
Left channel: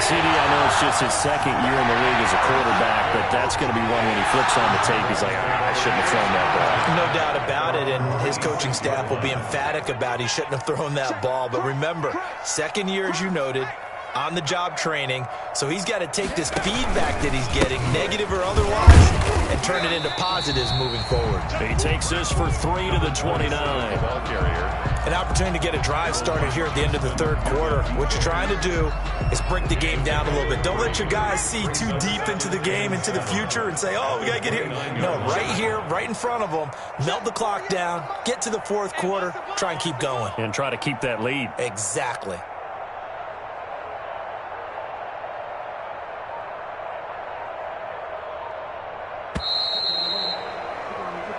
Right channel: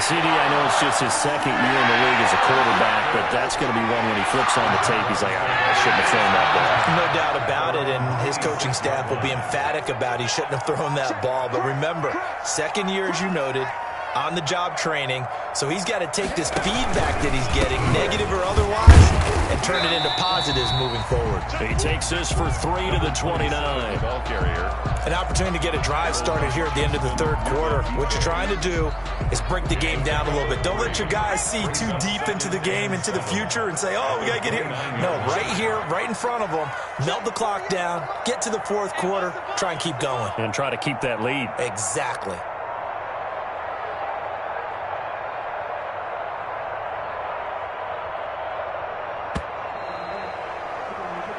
CD, I know it's just his second year in the league as a quarterback, but that's going to be one when he flips on the tape, he's like, I shouldn't have thrown that ball. No doubt about it, and his coaching staff will be emphatic about he shouldn't have thrown that ball. But remember, second year, as you noted, on-the-job training, so he's got to take this feedback that he's getting, negative or otherwise, and turn it into positives moving forward. He takes this for 3 to the 29. Ball carrier. An opportunity to get a drive started here at the end of the third quarter. What you're trying to do is break the game down a little bit. Don't let your guys see too deep into the game, into the future, and say, oh, we got to get here. No, right here, right in front of them, melt the clock down, get to the fourth quarter, try and keep going. And try to keep that lead. Exactly.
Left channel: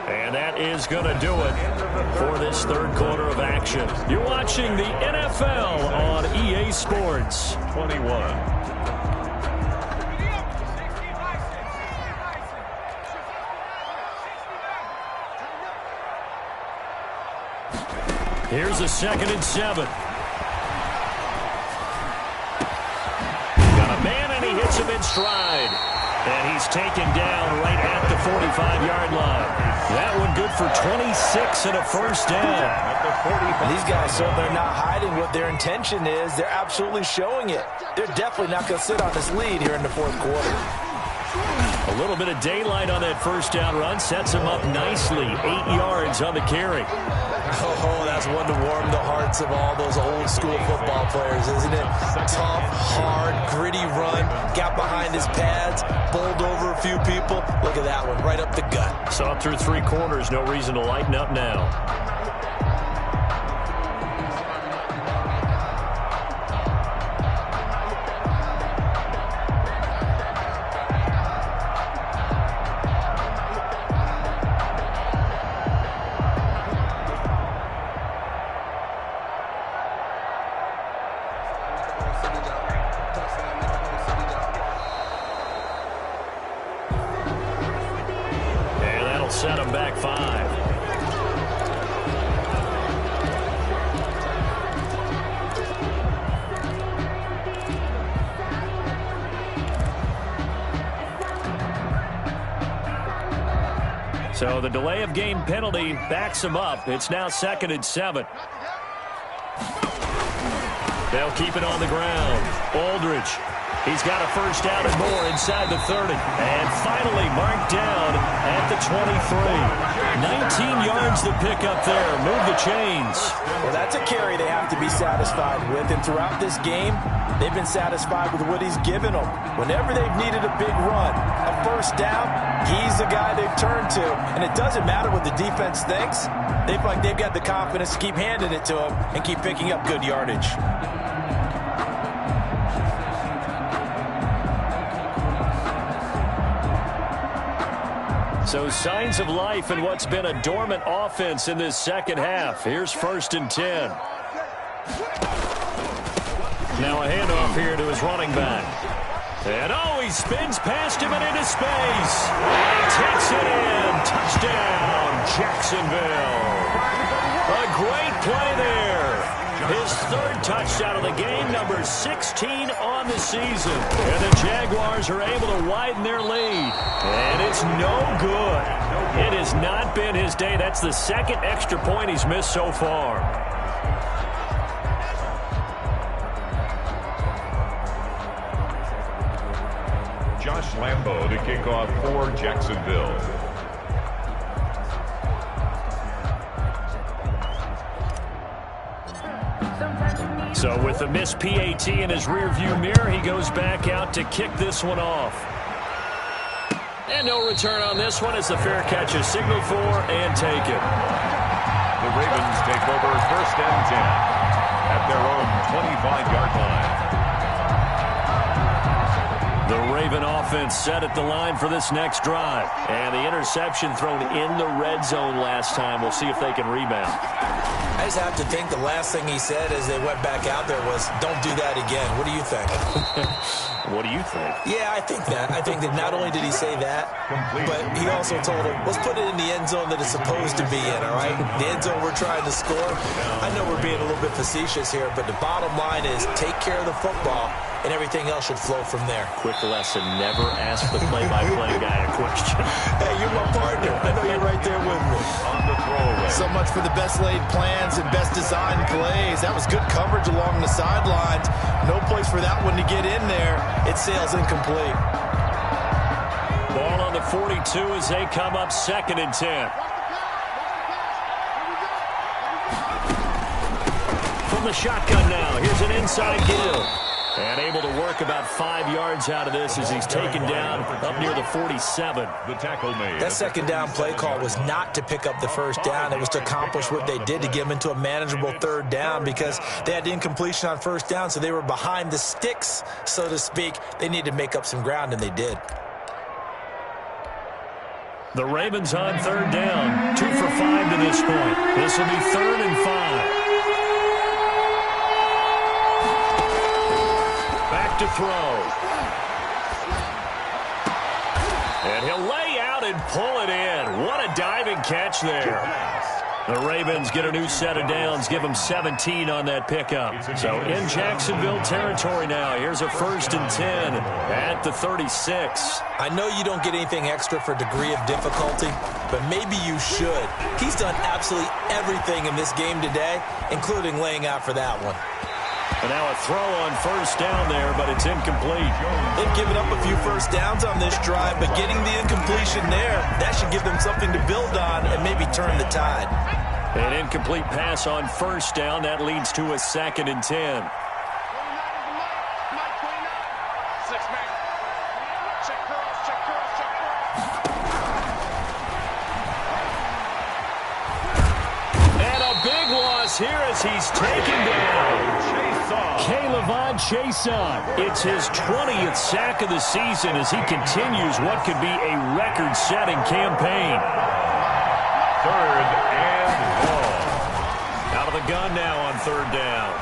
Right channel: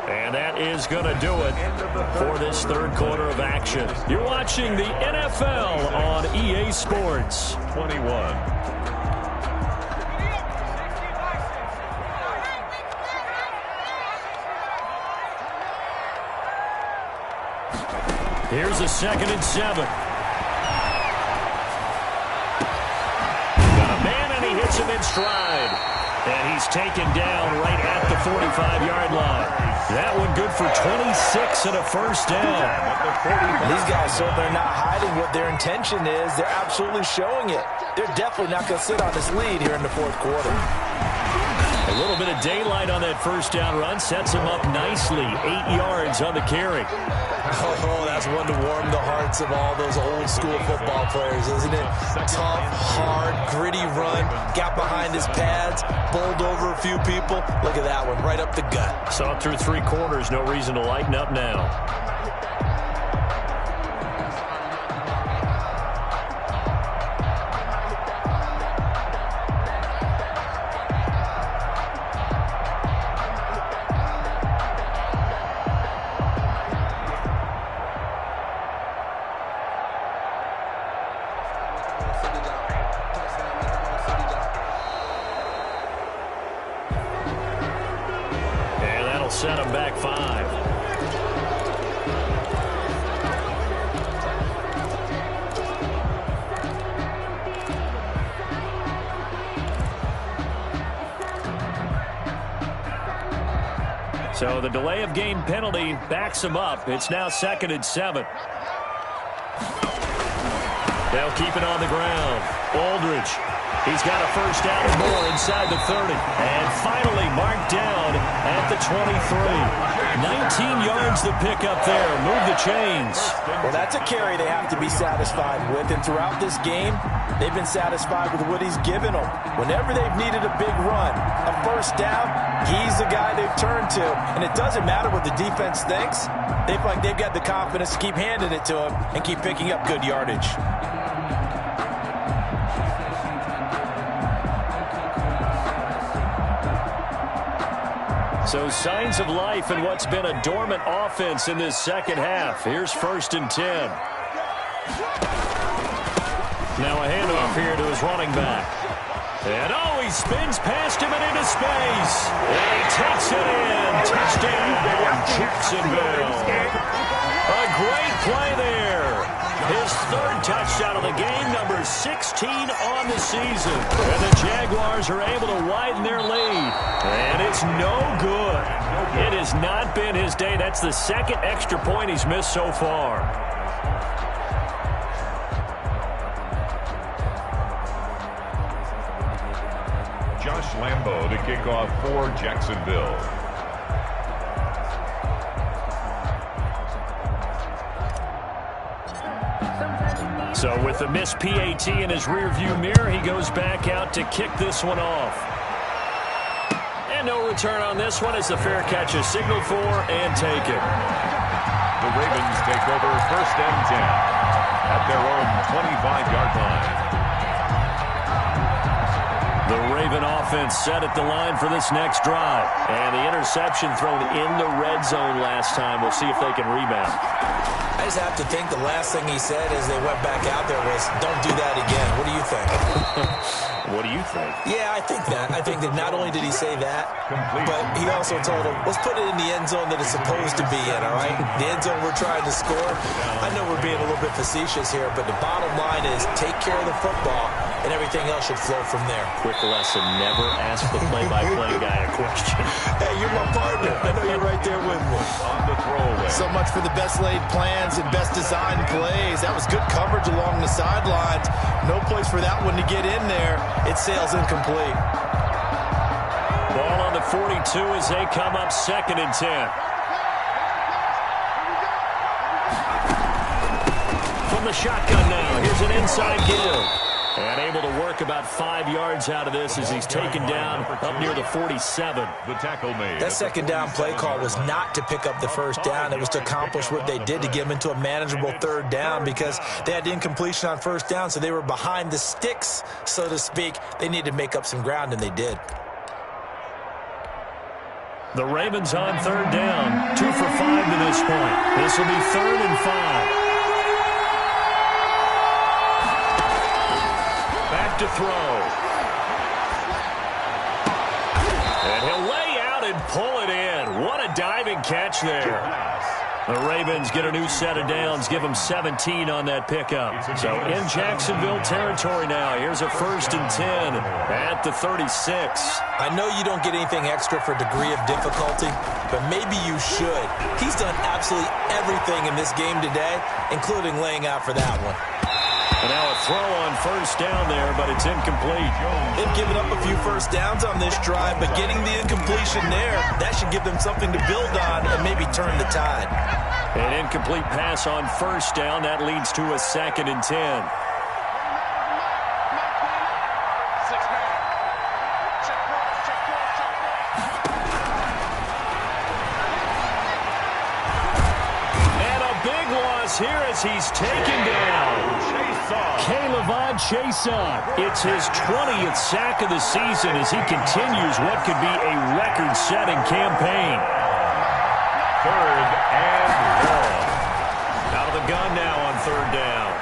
And that is going to do it for this third quarter of action. You're watching the NFL on EA Sports. 21. Here's a 2nd and 7. Got a man, and he hits him in stride. And he's taken down right at the 45-yard line. That one good for 26 and a first down. These guys certainly are not hiding what their intention is. They're absolutely showing it. They're definitely not going to sit on this lead here in the fourth quarter. A little bit of daylight on that first down run sets him up nicely. 8 yards on the carry. Oh, that's one to warm the hearts of all those old school football players, isn't it? Tough, hard, gritty run. Got behind his pads, bowled over a few people. Look at that one, right up the gut. Saw through 3 quarters, no reason to lighten up now. Set him back 5. So the delay of game penalty backs him up. It's now 2nd and 7. They'll keep it on the ground. Aldridge. He's got a first down and more inside the 30. And finally marked down at the 23. 19 yards to pick up there. Move the chains. Well, that's a carry they have to be satisfied with. And throughout this game, they've been satisfied with what he's given them. Whenever they've needed a big run, a first down, he's the guy they've turned to. And it doesn't matter what the defense thinks. They feel like they've got the confidence to keep handing it to him and keep picking up good yardage. So signs of life in what's been a dormant offense in this second half. Here's 1st and 10. Now a handoff here to his running back. And he spins past him and into space. And he takes it in. Touchdown, Jacksonville. A great play there. His 3rd touchdown of the game, number 16 on the season. And the Jaguars are able to widen their lead. And it's no good. It has not been his day. That's the 2nd extra point he's missed so far. Josh Lambo to kick off for Jacksonville. So with the missed PAT in his rearview mirror, he goes back out to kick this one off. And no return on this one as the fair catch is signaled for and taken. The Ravens take over 1st and 10 at their own 25-yard line. The Raven offense set at the line for this next drive. And the interception thrown in the red zone last time. We'll see if they can rebound. I just have to think the last thing he said as they went back out there was, don't do that again. What do you think? What do you think? Yeah, I think that. I think that not only did he say that, but he also told him, let's put it in the end zone that it's supposed to be in, all right? The end zone we're trying to score. I know we're being a little bit facetious here, but the bottom line is take care of the football and everything else should flow from there. Quick lesson, never ask the play-by-play guy a question. Hey, you're my partner. I know you're right there with me. On the throwaway. So much for the best laid plans and best designed plays. That was good coverage along the sidelines. No place for that one to get in there. It sails incomplete. Ball on the 42 as they come up 2nd and 10. From the shotgun now, here's an inside give. And able to work about 5 yards out of this as he's taken down up near the 47. The tackle made. That second down play call was not to pick up the first down. It was to accomplish what they did, to get them into a manageable 3rd down, because they had the incompletion on 1st down, so they were behind the sticks, so to speak. They needed to make up some ground, and they did. The Ravens on 3rd down, 2 for 5 to this point. This will be 3rd and 5. Back to throw. And he'll lay out and pull it in. What a diving catch there. The Ravens get a new set of downs, give them 17 on that pickup. So in Jacksonville territory now, here's a 1st and 10 at the 36. I know you don't get anything extra for degree of difficulty, but maybe you should. He's done absolutely everything in this game today, including laying out for that one. And now a throw on 1st down there, but it's incomplete. They've given up a few 1st downs on this drive, but getting the incompletion there, that should give them something to build on and maybe turn the tide. An incomplete pass on 1st down. That leads to a 2nd and 10. And a big loss here as he's taken down. K'Lavon Chaisson. It's his 20th sack of the season as he continues what could be a record-setting campaign. 3rd and long. Out of the gun now on 3rd down.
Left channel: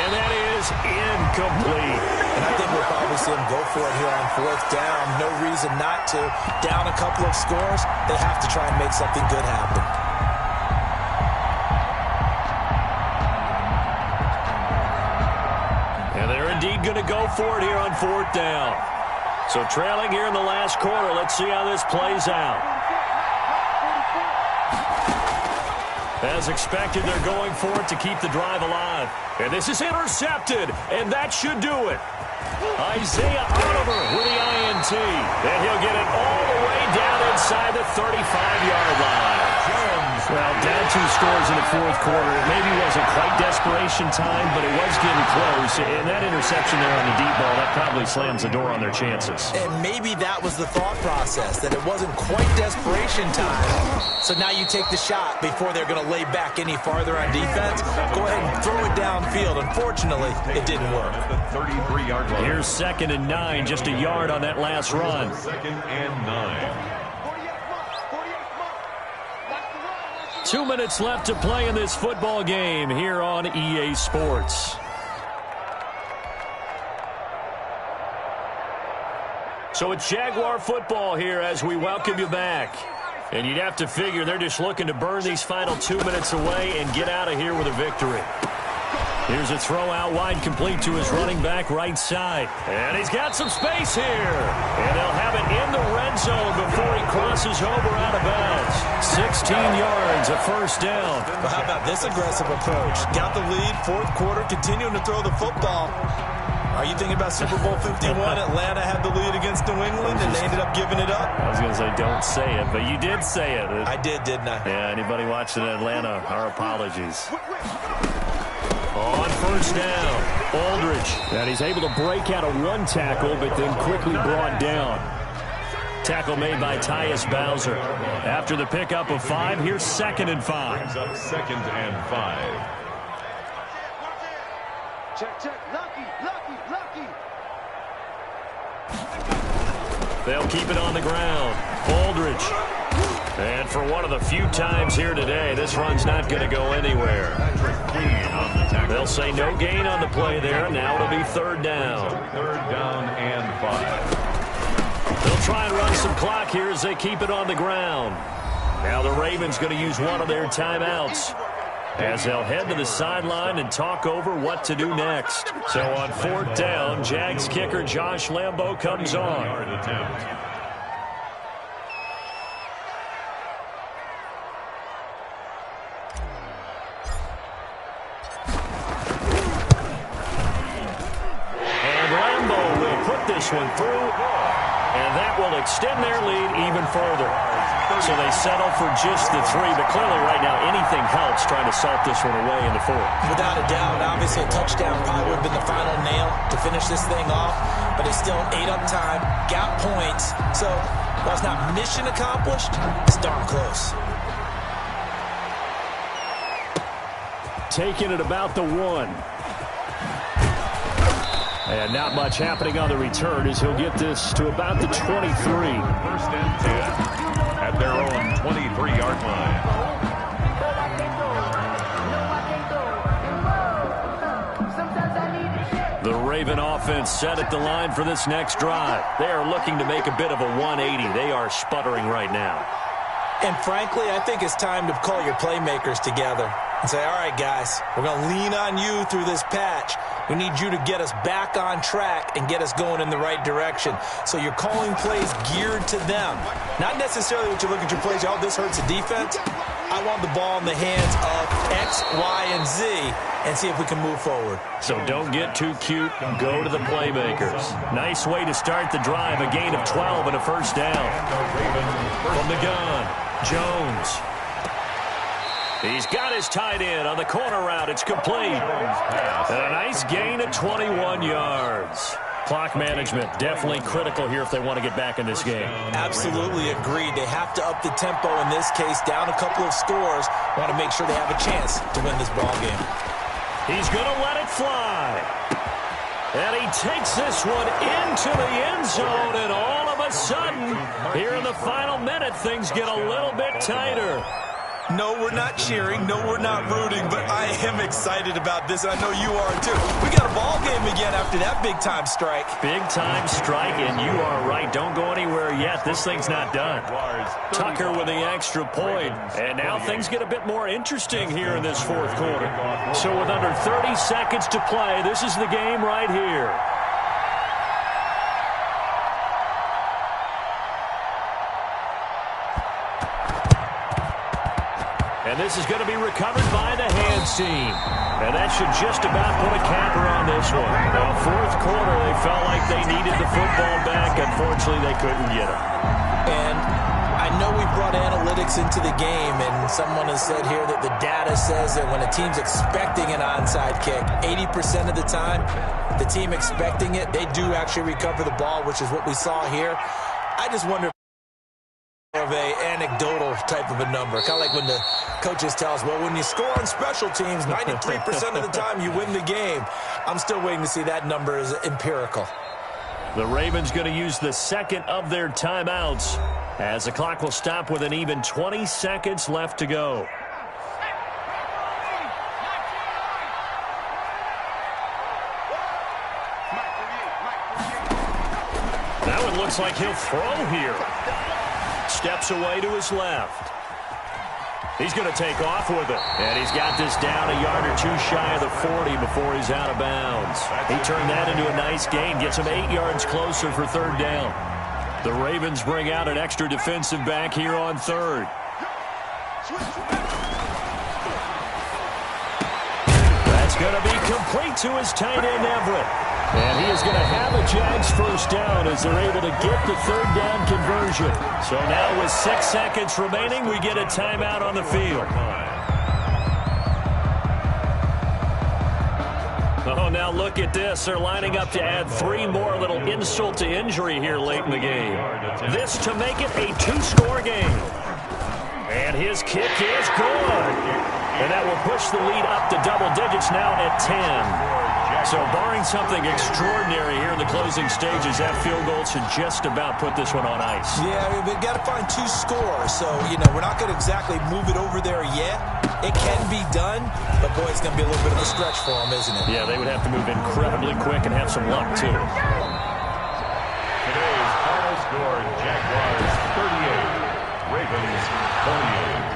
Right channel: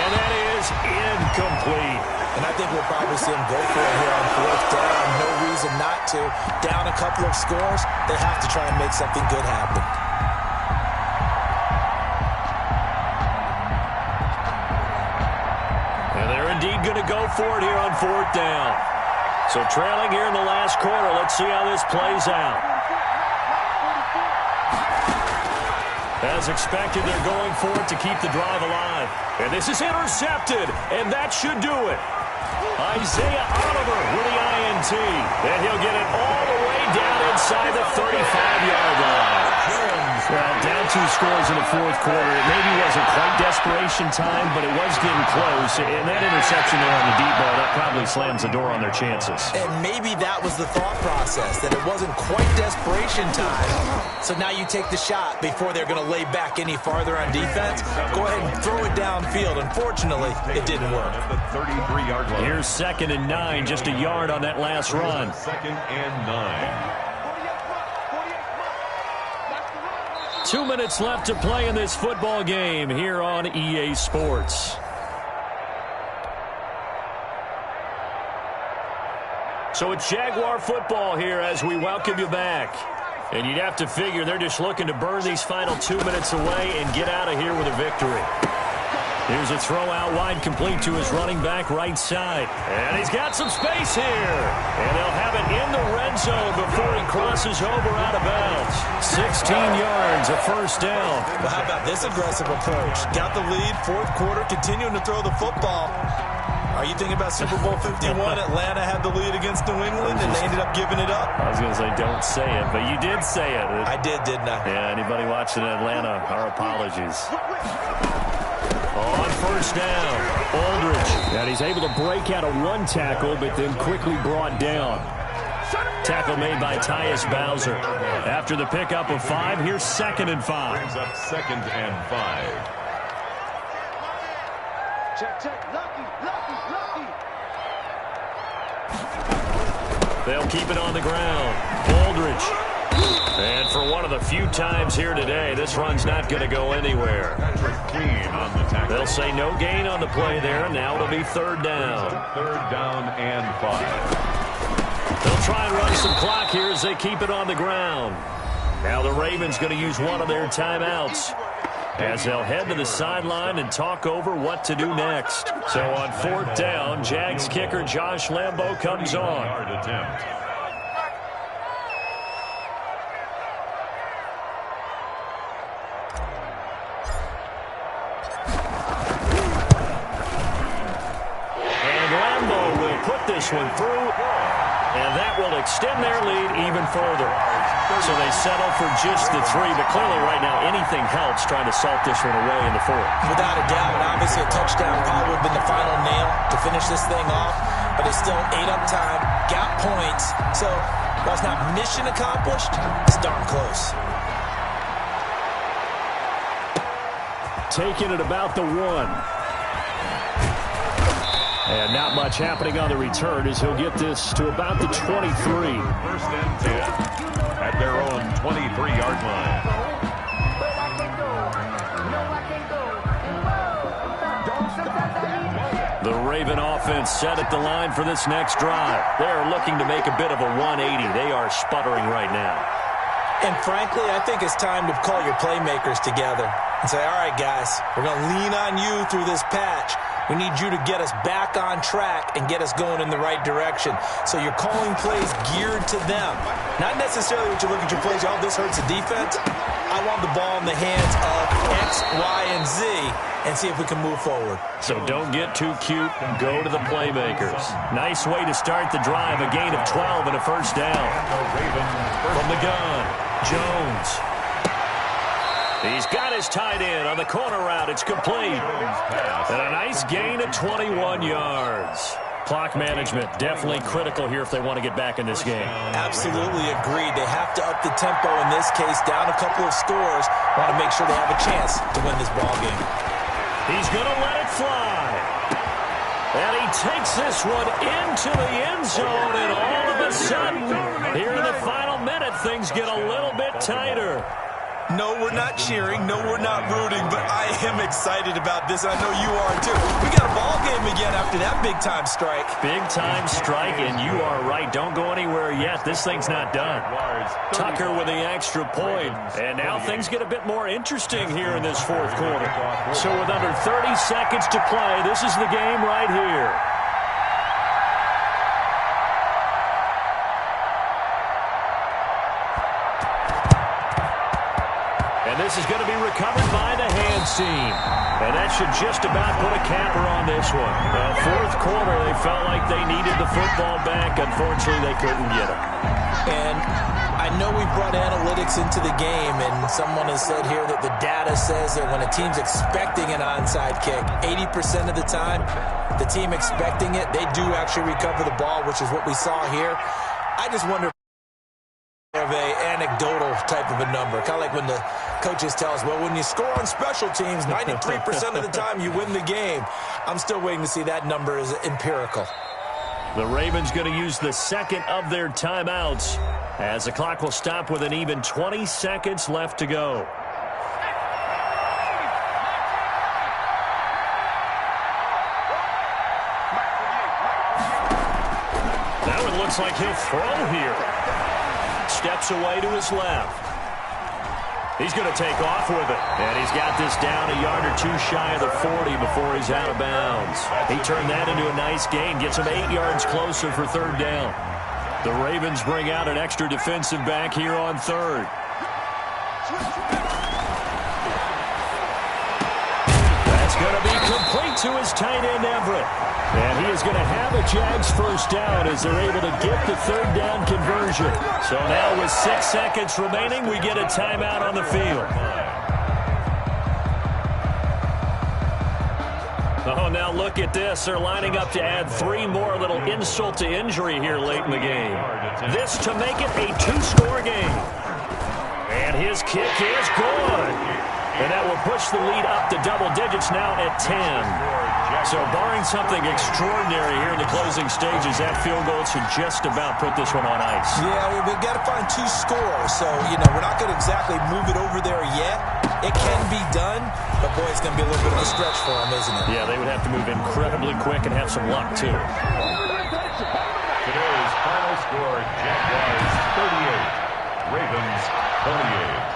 And that is incomplete. And I think we'll probably see him go for it here on 4th down. No reason not to. Down a couple of scores, they have to try and make something good happen. And they're indeed going to go for it here on 4th down. So trailing here in the last quarter. Let's see how this plays out. As expected, they're going for it to keep the drive alive. And this is intercepted, and that should do it. Isaiah Oliver with the INT. And he'll get it all the way down inside the 35-yard line. Well, down 2 scores in the 4th quarter. It maybe wasn't quite desperation time, but it was getting close. And that interception there on the deep ball, that probably slams the door on their chances. And maybe that was the thought process, that it wasn't quite desperation time. So now you take the shot before they're going to lay back any farther on defense. Go ahead and throw it downfield. Unfortunately, it didn't work. At the 33-yard line. Here's 2nd and 9, just a yard on that last run. 2nd and 9. 2 minutes left to play in this football game here on EA Sports. So it's Jaguar football here as we welcome you back. And you'd have to figure they're just looking to burn these final 2 minutes away and get out of here with a victory. Here's a throw out wide, complete to his running back right side. And he's got some space here. And they'll have it in the red zone before he crosses over out of bounds. 16 yards, a 1st down. Well, how about this aggressive approach? Got the lead, 4th quarter, continuing to throw the football. Are you thinking about Super Bowl 51? Atlanta had the lead against New England, and they ended up giving it up? I was going to say, don't say it, but you did say it. I did, didn't I? Yeah, anybody watching Atlanta, our apologies. On 1st down, Aldridge. And he's able to break out of 1 tackle, but then quickly brought down. Tackle made by Tyus Bowser. After the pickup of 5, here's 2nd and 5. Brings up 2nd and 5. Check, check. Lucky. They'll keep it on the ground. Aldridge. And for one of the few times here today, this run's not going to go anywhere. Clean on the tackle. They'll say no gain on the play there. Now it'll be 3rd down. 3rd down and 5. They'll try and run some clock here as they keep it on the ground. Now the Ravens going to use one of their timeouts. as they'll head to the sideline and talk over what to do next. So on 4th down, Jags kicker Josh Lambo comes on. And Lambo will put this one through, and that will extend their lead even further. So they settle for just the 3, but clearly right now anything helps trying to salt this one away in the 4th. Without a doubt, obviously a touchdown probably would have been the final nail to finish this thing off, but it's still ate up time, got points. So while it's not mission accomplished, it's darn close. Taking it about the 1. And not much happening on the return as he'll get this to about the 23. 1st and 10 at their own 23-yard line. The Raven offense set at the line for this next drive. They are looking to make a bit of a 180. They are sputtering right now. And frankly, I think it's time to call your playmakers together and say, all right, guys, we're going to lean on you through this patch. We need you to get us back on track and get us going in the right direction. So you're calling plays geared to them. Not necessarily what you look at your plays, oh, this hurts the defense. I want the ball in the hands of X, Y, and Z and see if we can move forward. So don't get too cute. Go to the playmakers. Nice way to start the drive. A gain of 12 and a 1st down. From the gun, Jones. He's got his tight end on the corner route. It's complete. And a nice gain of 21 yards. Clock management definitely critical here if they want to get back in this game. Absolutely agreed. They have to up the tempo in this case, down a couple of scores. Want to make sure they have a chance to win this ball game. He's going to let it fly. And he takes this one into the end zone, and all of a sudden, here in the final minute, things get a little bit tighter. No, we're not cheering. No, we're not rooting, but I am excited about this. I know you are, too. We got a ball game again after that big-time strike. Big-time strike, and you are right. Don't go anywhere yet. This thing's not done. Tucker with the extra point. And now things get a bit more interesting here in this 4th quarter. So with under 30 seconds to play, this is the game right here. And this is going to be recovered by the hands team. And that should just about put a capper on this one. Now, 4th quarter, they felt like they needed the football back. Unfortunately, they couldn't get it. And I know we brought analytics into the game, and someone has said here that the data says that when a team's expecting an onside kick, 80% of the time, the team expecting it, they do actually recover the ball, which is what we saw here. I just wonder of a anecdotal type of a number, kind of like when the coaches tell us, well, when you score on special teams, 93% of the time you win the game. I'm still waiting to see that number is empirical. The Ravens going to use the 2nd of their timeouts as the clock will stop with an even 20 seconds left to go. Now it looks like he'll throw here. Steps away to his left. He's going to take off with it. And he's got this down a yard or 2 shy of the 40 before he's out of bounds. He turned that into a nice gain. Gets him 8 yards closer for 3rd down. The Ravens bring out an extra defensive back here on 3rd. That's going to be complete to his tight end, Everett. And he is going to have a Jags 1st down as they're able to get the 3rd down conversion. So now with 6 seconds remaining, we get a timeout on the field. Oh, now look at this. They're lining up to add 3 more, little insult to injury here late in the game. This to make it a 2-score game. And his kick is good. And that will push the lead up to double digits now at 10. So barring something extraordinary here in the closing stages, that field goal should just about put this one on ice. Yeah, we've got to find 2 scores. So, we're not going to exactly move it over there yet. It can be done, but, boy, it's going to be a little bit of a stretch for them, isn't it? Yeah, they would have to move incredibly quick and have some luck, too. Today's final score, Jaguars 38, Ravens 28.